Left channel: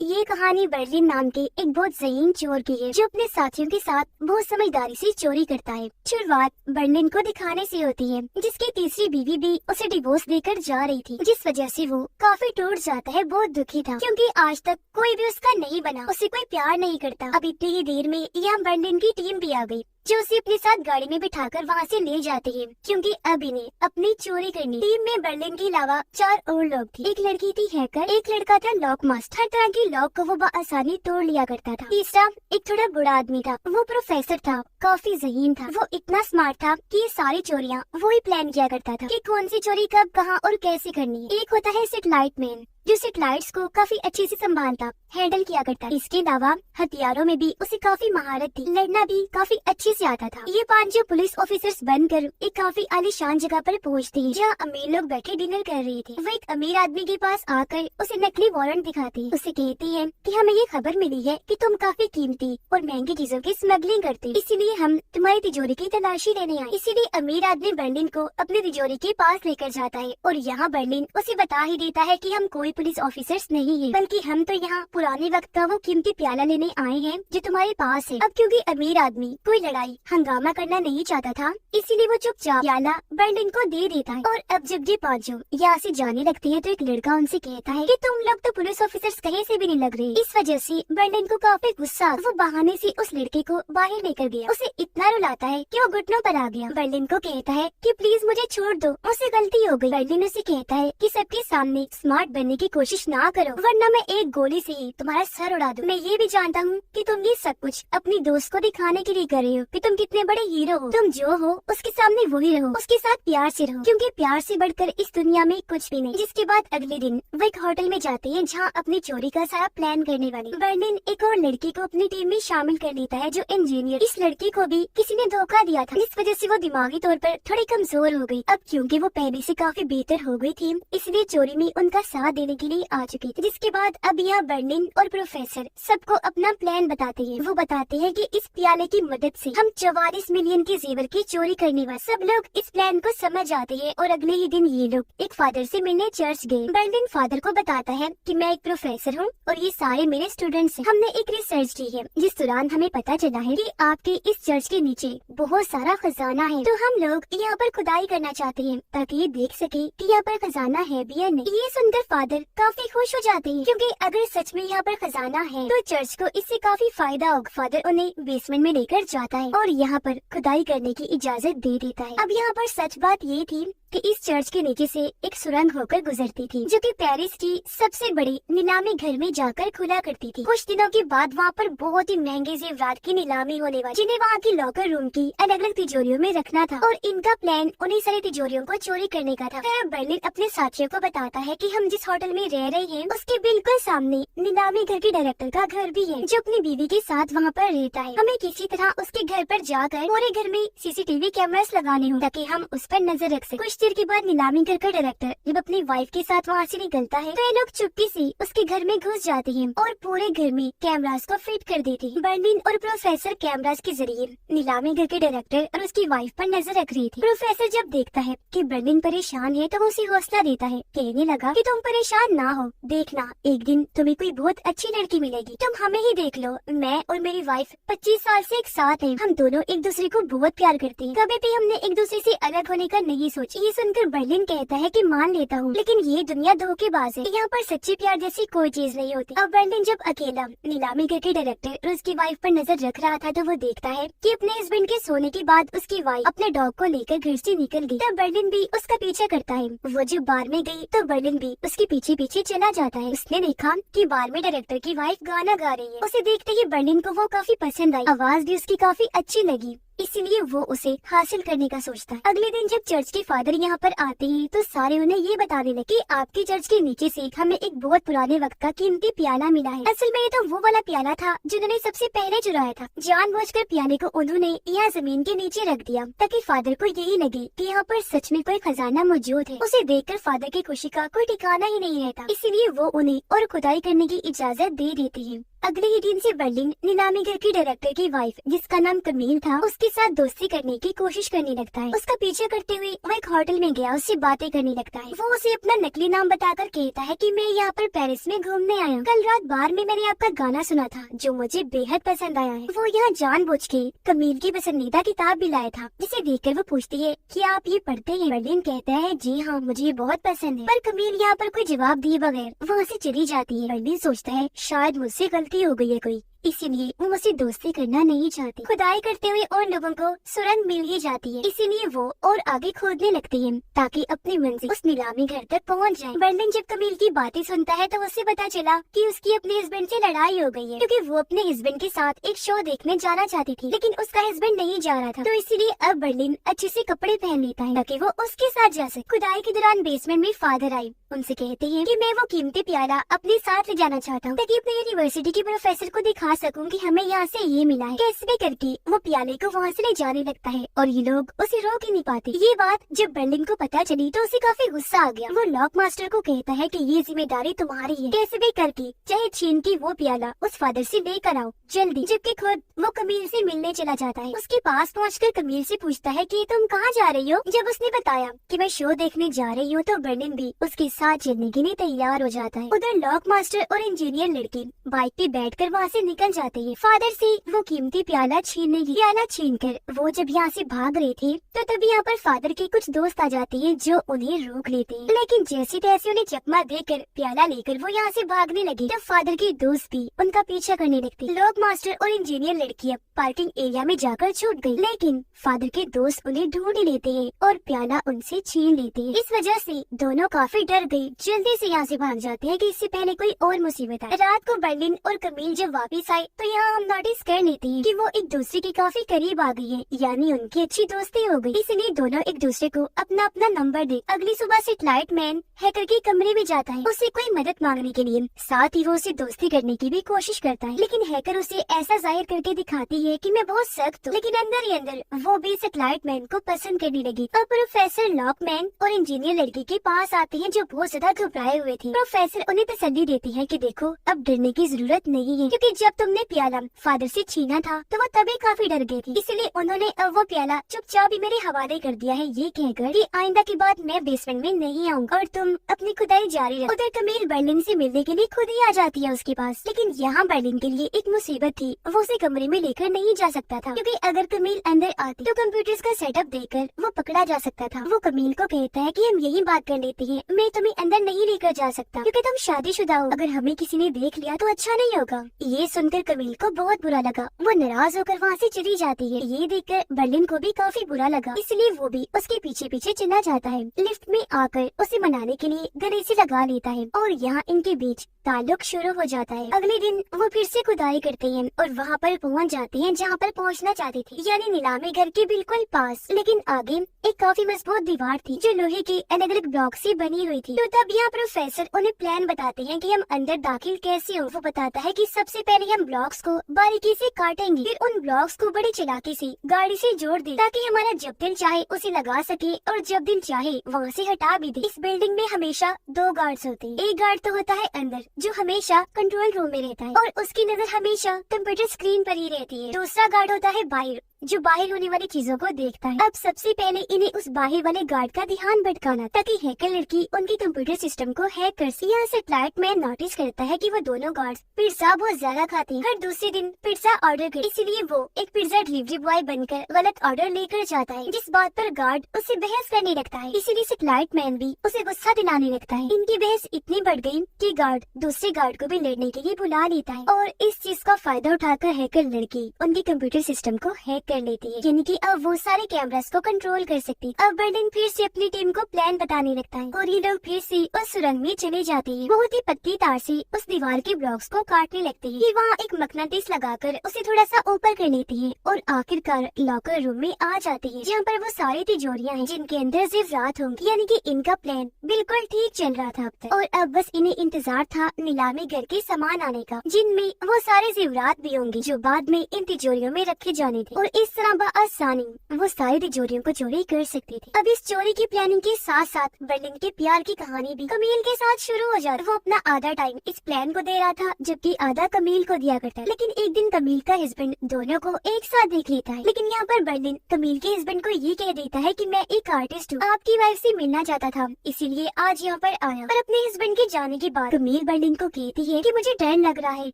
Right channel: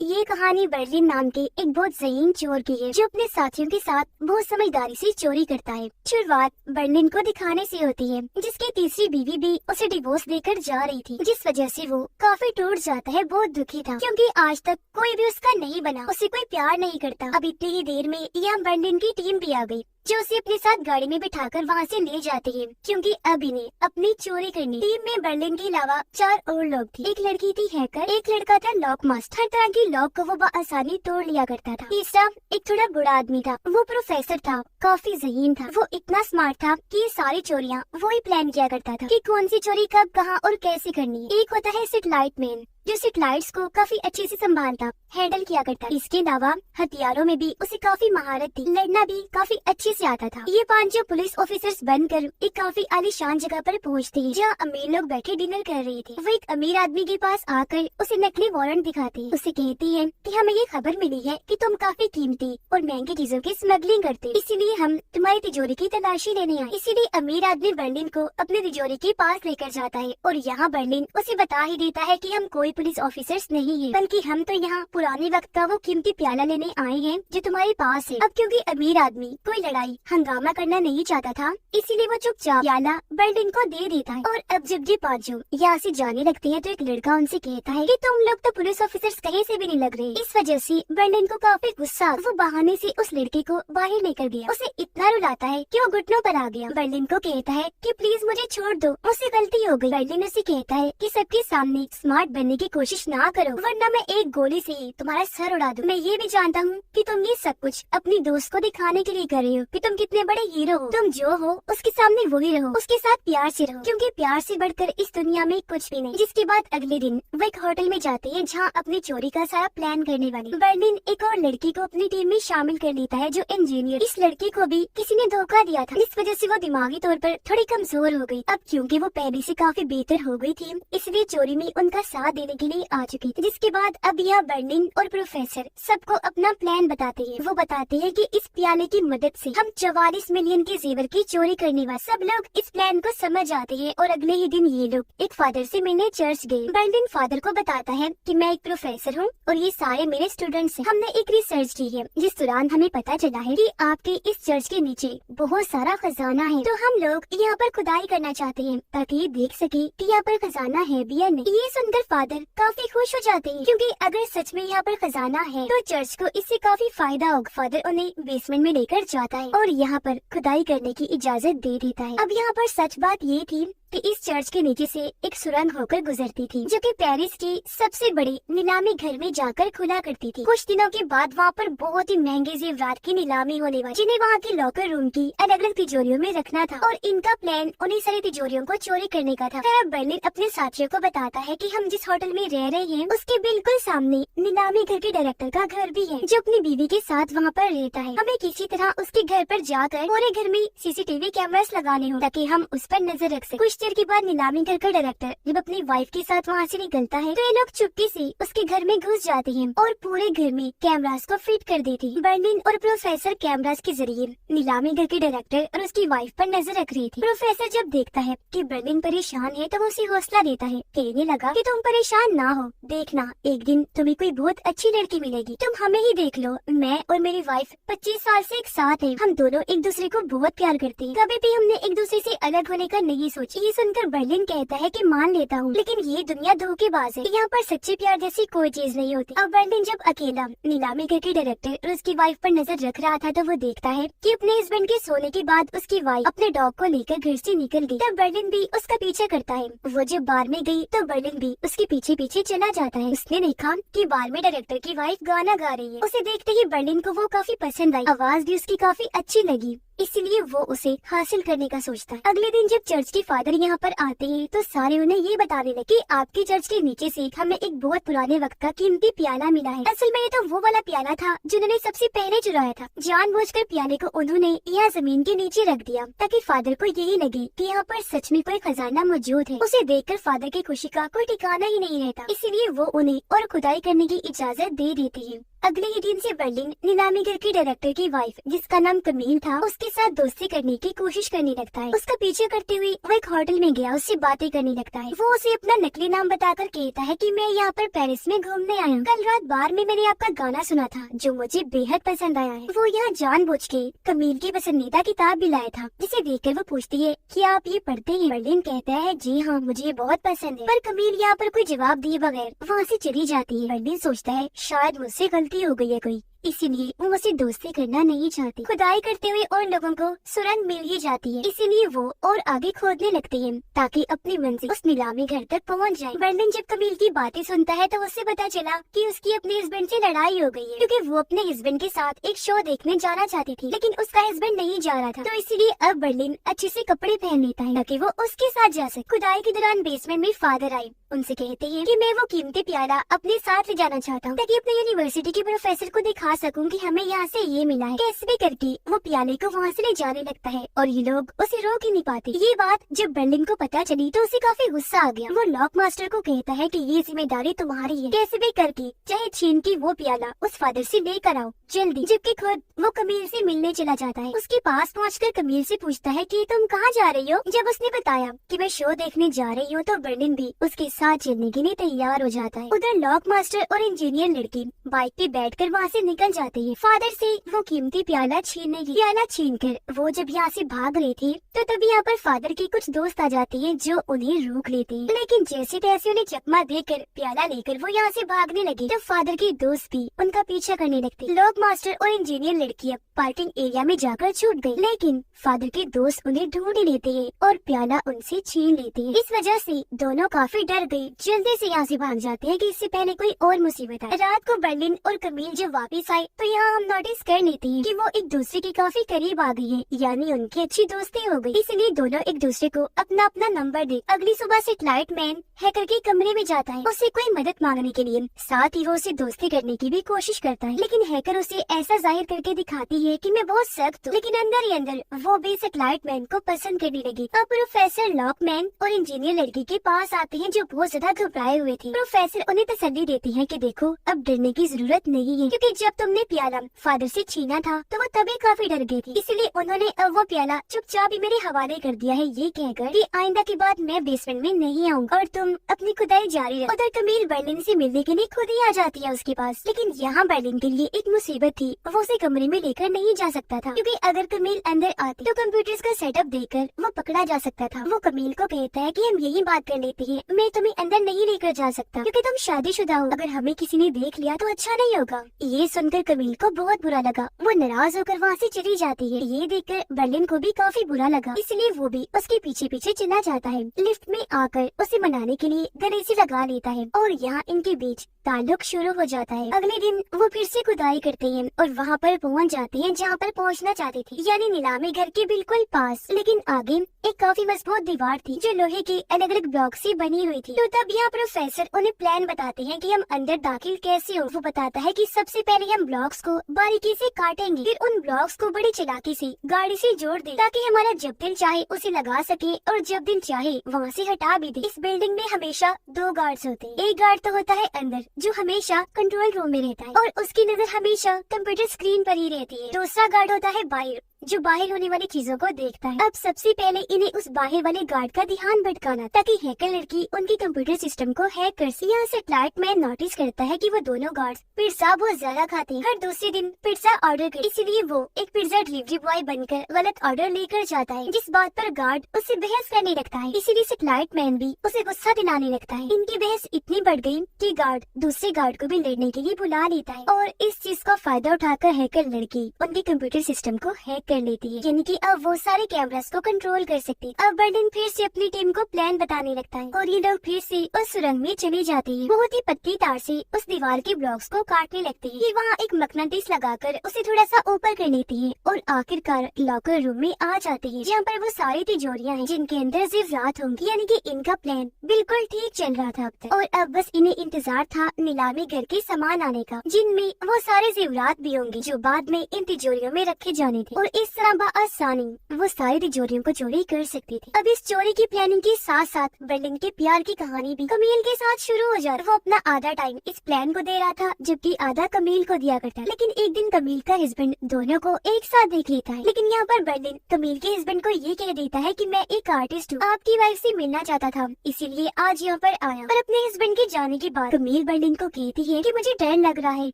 ये कहानी बर्लिन नाम के एक बहुत ज़हीन चोर की है जो अपने साथियों के साथ बहुत समझदारी से चोरी करता है। शुरुआत बर्लिन को दिखाने से होती है, जिसकी तीसरी बीवी भी उसे डिवोर्स देकर जा रही थी, जिस वजह से वो काफी टूट जाता है। बहुत दुखी था क्योंकि आज तक कोई भी उसका नहीं बना, उसे कोई प्यार नहीं करता। अब इतनी ही देर में यहाँ बर्लिन की टीम भी आ गई जो उसे अपने साथ गाड़ी में बिठाकर वहाँ से ले जाती है, क्योंकि अब इन्हें अपनी चोरी करनी। टीम में बर्लिन के अलावा 4 और लोग थे। एक लड़की थी हैकर, एक लड़का था लॉक मास्टर, हर तरह की लॉक को वो आसानी तोड़ लिया करता था। तीसरा एक थोड़ा बूढ़ा आदमी था, वो प्रोफेसर था, काफी ज़हीन था। वो इतना स्मार्ट था कि ये सारी चोरियाँ वो ही प्लान किया करता था कि कौन सी चोरी कब, कहाँ और कैसे करनी है। एक होता है सेटेलाइट मैन, जो सेटेलाइट्स को काफी अच्छे से संभालता, हैंडल किया करता। इसके अलावा हथियारों में भी उसे काफी महारत थी, लड़ना भी काफी अच्छे से आता था। ये 5 जो पुलिस ऑफिसर्स बनकर एक काफी आलीशान जगह पर पहुंचते हैं, जहाँ अमीर लोग बैठे डिनर कर रहे थे। वो एक अमीर आदमी के पास आकर उसे नकली वारंट दिखाते हैं। उसे कहती है कि हमें ये खबर मिली है कि तुम काफी कीमती और महंगी चीजों की स्मगलिंग करते, इसीलिए हम तुम्हारी तिजोरी की तलाशी लेने आए। इसीलिए अमीर आदमी बर्लिन को अपनी तिजोरी के पास लेकर जाता है और यहाँ बर्लिन उसे बता ही देता है कि हम कोई पुलिस ऑफिसर्स नहीं है, बल्कि हम तो यहाँ पुराने वक्त का वो कीमती प्याला लेने आए हैं जो तुम्हारे पास है। अब क्योंकि अमीर आदमी कोई लड़ाई हंगामा करना नहीं चाहता था, इसीलिए वो चुपचाप प्याला बर्लिन को दे देता है। और अब जब ये 5 यहाँ से जाने लगते हैं तो एक लड़का उनसे कहता है कि तुम लोग तो पुलिस ऑफिसर्स कहीं से भी नहीं लग रहे। इस वजह से बर्लिन को काफी गुस्सा, वो बहाने से उस लड़के को बाहर लेकर गया। उसे इतना रुलाता है कि वो घुटनों पर आ गया। बर्लिन को कहता है कि प्लीज मुझे छोड़ दो, मुझसे गलती हो गई। बर्लिन उसे कहता है कि सबके सामने स्मार्ट बनने की कोशिश ना करो, वरना मैं एक गोली से ही तुम्हारा सर उड़ा दूं। मैं ये भी जानता हूँ कि तुम ये सब कुछ अपनी दोस्त को दिखाने के लिए कर रहे हो कि तुम कितने बड़े हीरो हो। तुम जो हो उसके सामने वही रहो, उसके साथ प्यार से रहो, क्योंकि प्यार से बढ़कर इस दुनिया में कुछ भी नहीं। जिसके बाद अगले दिन वो एक होटल में जाते हैं जहाँ अपनी चोरी का सारा प्लान करने वाली। बर्लिन एक और लड़की को अपनी टीम में शामिल कर लेता है जो इंजीनियर। इस लड़की को भी किसी ने धोखा दिया था, इस वजह से वो दिमागी तौर पर थोड़ी कमजोर हो गई। अब क्योंकि वो पहले से काफी बेहतर हो गई थी, इसलिए चोरी में उनका साथ देने के लिए आ चुकी थी। जिसके बाद अब यहाँ बर्लिन और प्रोफेसर सबको अपना प्लान बताते हैं। वो बताते हैं कि इस प्याले की मदद से हम 44 मिलियन के जेवर की चोरी करने वाले। सब लोग इस प्लान को समझ आते हैं और अगले ही दिन ये लोग एक फादर से मिलने चर्च गए। बर्लिन फादर को बताता है कि मैं एक प्रोफेसर हूँ और ये सारे मेरे स्टूडेंट्स हैं। हमने एक रिसर्च की है जिस दौरान हमें पता चला है कि आपके इस चर्च के नीचे बहुत सारा खजाना है, तो हम लोग यहाँ पर खुदाई करना चाहते हैं ताकि ये देख सके कि यहाँ पर खजाना है भी या नहीं। ये सुनकर फादर काफी खुश हो जाते हैं, क्योंकि अगर सच में यहाँ पर खजाना है तो चर्च को इससे काफी फायदा होगा। फादर उन्हें बेसमेंट में लेकर जाता है और यहाँ पर खुदाई करने की इजाजत दे देता है। अब यहाँ पर सच बात ये थी कि इस चर्च के नीचे से एक सुरंग होकर गुजरती थी, जो कि पेरिस की सबसे बड़ी नीलामी घर में जाकर खुला करती थी। कुछ दिनों के बाद वहाँ पर बहुत ही महंगे जेवरात की नीलामी होने वाली, जिन्हें वहाँ की लॉकर रूम की अलग अलग तिजोरियों में रखना था और इनका प्लान उन्हीं सारी तिजोरियों को चोरी करने का था। फिर बर्लिन अपने साथियों को बताता है कि हम जिस होटल में रह रहे हैं उसके बिल्कुल सामने नीलामी घर के डायरेक्टर का घर भी है, जो अपनी बीवी के साथ वहाँ पर रहता है। हमें किसी तरह उसके घर पर जाकर पूरे घर में CCTV कैमरास लगाने हो ताकि हम उस पर नजर रख सकें। देर के बाद नीलामी घर का डायरेक्टर जब अपनी वाइफ के साथ वहाँ से निकलता है तो ये लोग चुपके से उसके घर में घुस जाते हैं और पूरे घर में कैमरास को फिट कर देते हैं। बर्लिन और प्रोफेसर कैमरास के जरिए नीलामी घर के डायरेक्टर और उसकी वाइफ पर नजर रख रही थी। प्रोफेसर जब देखता है कि बर्लिन परेशान है तो वो उसे हौसला देता है, कहने लगा कि तुम परेशान ना हो, देखना एक दिन तुम्हें कोई बहुत अच्छी लड़की मिलेगी, तुम हमें ही देख लो। मैं और मेरी वाइफ 25 साल से एक साथ है, हम दोनों एक दूसरे को बहुत प्यार करते हैं, कभी भी हमने एक दूसरे से अलग होने का नहीं सोचा। ये सुनकर बर्लिन कहता है कि मान लेता हूँ, लेकिन ये दुनिया धोखेबाज है, यहाँ पर सच्चे प्यार जैसी कोई चीज नहीं होती। अब बर्लिन जब अकेला नीलामी घर के डायरेक्टर और उसकी वाइफ पर नजर रख रहा था तो वो देखता है कि अपने हस्बैंड के सोने के बाद उसकी वाइफ अपने डॉग को लेकर घर से निकल गई। तब बर्लिन भी उसका पीछा करता है। वो जब बार में गई तो बर्लिन भी उसके पीछे पीछे चला जाता है। उसने देखा कि बार में डायरेक्टर की वाइफ गाना गा रही है। उसे देखते ही बर्लिन को वो काफी पसंद आई, आवाज भी उसकी काफी अच्छी लगी, इसलिए वो उसे हासिल करने का सोचता है। अगले दिन जब चर्च के फादर यहाँ पर आते हैं तो सारे उन्हें ये बताने लगे कि आपके चर्च के नीचे से हमें एक बहुत पुराने वक्त का कीमती प्याला मिला है। असल में ये तो वो वाला प्याला था जिन्होंने सबसे पहले चुराया था। जानबूझकर प्याले को उन्होंने यहाँ जमीन के नीचे रख दिया ताकि फादर को यही लगे कि यहाँ पर सच में कोई खजाना मौजूद है। उसे देखकर फादर की खुशी का कोई ठिकाना ही नहीं रहता, इसीलिए वो उन्हें और खुदाई करने की इजाजत दे देते हैं। अगले ही दिन से बर्लिन नीलामी घर की डायरेक्टर की वाइफ, जिसका नाम कमील था, उसके साथ दोस्ती करने की कोशिश करने लगता है। उसका पीछे करते हुए वो एक होटल में गया, उससे बातें करने लगता है। वो उसे अपना नकली नाम बताकर कहता है कि मैं यहाँ पर पेरिस में घूमने आया हूँ। कल रात बार में मैंने आपका गाना सुना था जो मुझे बेहद पसंद आया है। वो यहाँ जानबूझ के कमील की पसंदीदा किताब भी लाया था, जिसे देखकर वो पूछती है कि आप ये पढ़ते हैं? बर्लिन कहता है जी हाँ, मुझे ये बहुत पसंद है। पर कमील यहाँ पर कोई जवाब दिए बगैर वहाँ से चली जाती है। बर्लिन सोचता है शायद मुझसे गलती हो गई है कोई, इसीलिए वो मुझसे दोस्ती करना नहीं चाहती। खुदाई करते हुए और लोगों को सुरंग मिल ही जाती है, इसीलिए वो और आगे खोदने लगती है ताकि अपनी मंजिल उस नीलामी घर तक पहुंच जाए। बर्लिन जब कमील की बातें सुनता है तो उससे पता चला कि उसकी अपने हस्बैंड से लड़ाई हो गई है, क्योंकि वो अपने हस्बैंड के साथ एक शो देखने जाना चाहती थी, लेकिन उसका हस्बैंड नहीं जा रहा था। तो इसीलिए अब बर्लिन अच्छे से कपड़े पहन लेता है ताकि वो उसके साथ जा सके। खुदाई के दौरान बेसमेंट में फादर आए, उनसे कहते हैं कि मैं वो कीमती प्याला अपने साथ ले जाना चाहता हूँ ताकि अपने यूनिवर्सिटी के प्रोफेसर को दिखा सकूं कि हमें यहाँ से ये मिला है। कैसे भी करके वो प्याले को वहाँ से ले जाने लगता है और ये लोग उसे रोक ही नहीं पाते। ये बात जब बर्लिन को पता चली तो उसे काफी गुस्सा आ गया। वो लॉक मास्टर को कहता है कि ये जिम्मेदारी तुम्हारी है, कैसे भी करके चाहे छीन के वो प्याला उस फादर से लेकर आओ जल्दी। जबकि खुद वो कमील से मिलने चला जाता है। उसके पास पहुँचकर कमील से पूछता है कि तुम कहाँ जा रही हो। जब उसने बताया कि मैं शो देखने जा रही हूँ तो बर्लिन भी उसके साथ चलने के लिए तैयार हो जाता है। उधर लॉक मास्टर और इंजीनियर लड़की बाइक पे बैठकर वहाँ से निकल जाते हैं। फादर से वो कीमती प्याला छीनकर वो जब यहाँ से भाग रहे थे तो तभी यहाँ पर फादर के कुछ दोस्त आ जाते हैं जो उन्हें रोक लेते हैं, लेकिन जैसे तैसे उन्हें चकमा देकर प्याला लेकर वो यहाँ से भागने लगे तब फादर के दोस्त भी उनका पीछा करने लगते। लॉक मास्टर और इंजीनियर लड़की अब पार्किंग एरिया में जाकर छूट गयी, लेकिन फादर के दोस्त उन्हें ढूंढ लेते हैं और प्याला उनसे छीन लेते हैं। इस वजह से दोनों काफी डर गए, जल्दी से यहाँ से भाग जाते हैं कि इससे पहले कोई और मुसीबत आए। रात को बर्लिन और कमील जब वापस आए तो यहाँ हम नोटिस कर लेते हैं कि वो एक दूसरे के काफी करीब आ गई है, यानी उनकी अच्छी दोस्ती हो गई। इसलिए दोनों एक दूसरे को अपना अपना नंबर दे। अगली सुबह सेटेलाइट मैन हैकर के कमरे में जाता है उससे कोई मदद मांगने के लिए, साथ ही वो उसे दोस्ती करने की भी कोशिश करता है, लेकिन हैकर उसे ऐसा जाहिर करके दिखाती है कि मैं बहुत सख्त हूँ, लेकिन अंदर ही अंदर वो भी सेटेलाइट मैन को पसंद करने लगी। अब प्रोफेसर लॉकमैन और इंजीनियर लड़की के पास आते हैं जो बहुत ज्यादा घबराए हुए थे। प्रोफेसर उन्हें तसल्ली देती है कि देखो अब डरने की जरूरत नहीं है, क्योंकि जब तुमने प्याला फादर से छीना था तो वो तभी काफी डर गई थी, इसलिए उन्होंने अब वो प्याला चुपचाप ही मेरे हवाले कर दिया है, ये कहकर कि आइंदा के बाद मैं बेसमेंट में नहीं आऊंगा और तुम अपनी खुदाई जारी रखो। उधर कमील बर्लिन से मिलने के लिए खुद ही आ जाती है उसके पास, लेकिन यहाँ बर्लिन के लिए एक मुसीबत थी, वो उसे कमरे में लेकर नहीं जा सकता था, क्योंकि अगर कमील अंदर आती तो कंप्यूटर्स का सेटअप देखकर वो पकड़ा जा सकता था। वो कमील को कहता है कि हम यही बात कर लेते हैं, मैं तुम्हें अंदर नहीं लेकर जा सकता क्योंकि तुम शादीशुदा हो, अगर हमें किसी ने देख लिया तो अच्छा नहीं होगा। ये सुनकर कमील को बहुत बुरा लगा, वो नाराज होकर वहाँ से चली जाती है। ये देखकर बर्लिन को भी काफी बुरा लगा, इसलिए वो भी उसके पीछे पीछे चला जाता है। लिफ्ट में आकर उसे मनाने के लिए गले से लगा लेता है और यहाँ इनके बीच ताल्लुक शुरू हो जाता है। अगले दिन वो फिर से खुदाई करते हैं और वहाँ पर पहुँच जाते हैं जहाँ पर पहुँचना चाहते थे, यानी नीलामी घर के बिल्कुल पास, लेकिन आगे एक काफी मजबूत दीवार थी जो लोहे के अलग अलग ब्लॉक से बनी हुई थी। तो तब यहाँ प्रोफेसर उन्हें प्लान बताते हैं कि हम अंदर दाखिल कैसे हो। वो बताता है कि सबसे पहले हम ब्लॉक्स को बारीकी से काटेंगे, फिर उन ब्लॉक्स को बड़ी चालाकी से गाड़ी से जोड़ दें ताकि हमारा जब दिल चाहे उसे लगा सके और जब दिल चाहे वहाँ से हटा भी दे। इस बिल्डिंग में हमेशा 2 गार्ड्स होते हैं, एक गार्ड तो होता है अंदर जो हमेशा कंट्रोल रूम में रहता है और उसकी नजर हमेशा कंप्यूटर स्क्रीन पर ही रहती है। दूसरा गार्ड होता है बाहर जो बाहर होने वाली चीजों को देखता है। अब सबसे पहले इन्हें उस बाहर वाले गार्ड का ध्यान भटकाना ताकि हैकर लड़की उनकी कंप्यूटर सिस्टम को हैक कर सके। यहाँ सेटेलाइट मैन नोटिस करता है कि वो दोनों गार्ड्स पिज्जा बहुत ज्यादा खाते हैं, हर दूसरे दिन पिज्जा ऑर्डर कर, इसलिए वो एक पिज्जा डिलीवरी बॉय बनकर गलत ऑर्डर लेकर जाता है, जिस बात पर गार्ड उससे बहस करने लगता है। इसीलिए सेटेलाइट मैन भी उसे गुस्सा दिलाने लगता है। इनकी बहस इतनी बढ़ गई कि गार्ड दूसरे गार्ड को भी लड़ने के लिए बुला लेता है और इस चीज का फायदा उठाकर हैकर लड़की उनकी कंप्यूटर सिस्टम को हैक कर लेती है, यानी कि अब वो सारे कैमरास को कंट्रोल कर सकती है। अब बर्लिन फिर से अपनी टीम को प्लान बताने लगता है और ये लोग फिर से उस सुरंग में चले जाते हैं। बहुत ही पतली तार से उस दीवार के ब्लॉक्स को काटने लगते हैं। वहाँ एक मकनाटिस लगाकर उसे थोड़ा सा ऊपर कर लेते हैं और आखिरकार लॉकर रूम में आ जाते हैं, जहाँ पर वो सारी तिजोरियाँ हैं जिनके अंदर ज़ेवरात होंगी, यानी कि इनका प्लान बिल्कुल ठीक चल रहा था अब तक। और अब बस इन्हें इंतजार था नीलामी घर के सामान आने का, जिनमें वो सारे ज़ेवरात भी होंगे जो बाद में इन तिजोरियों में रखे जाने थे। और इस तरह बआसानी वो सारी तिजोरियों को चोरी कर सकती थी। अब इस चोरी की प्लानिंग के साथ साथ बर्लिन के प्यार की कहानी भी कमील के साथ शुरू हो जाती। वो अपना आधा टाइम इस प्लान को दे रहा था जबकि आधा कमील को दिया करता। लेकिन एक दिन कमील का हस्बैंड दोनों को एक साथ देख लेता है। लेकिन यहाँ पर बर्लिन कमील के हस्बैंड को ये कह देता है कि मैं एक आर्टिस्ट हूँ, आपकी वाइफ से मिलना चाहता था, इसीलिए आज यहाँ पर आया। और अपने हस्बैंड के जाने के बाद कमील बर्लिन को कहती है कि मुझे डर लग रहा है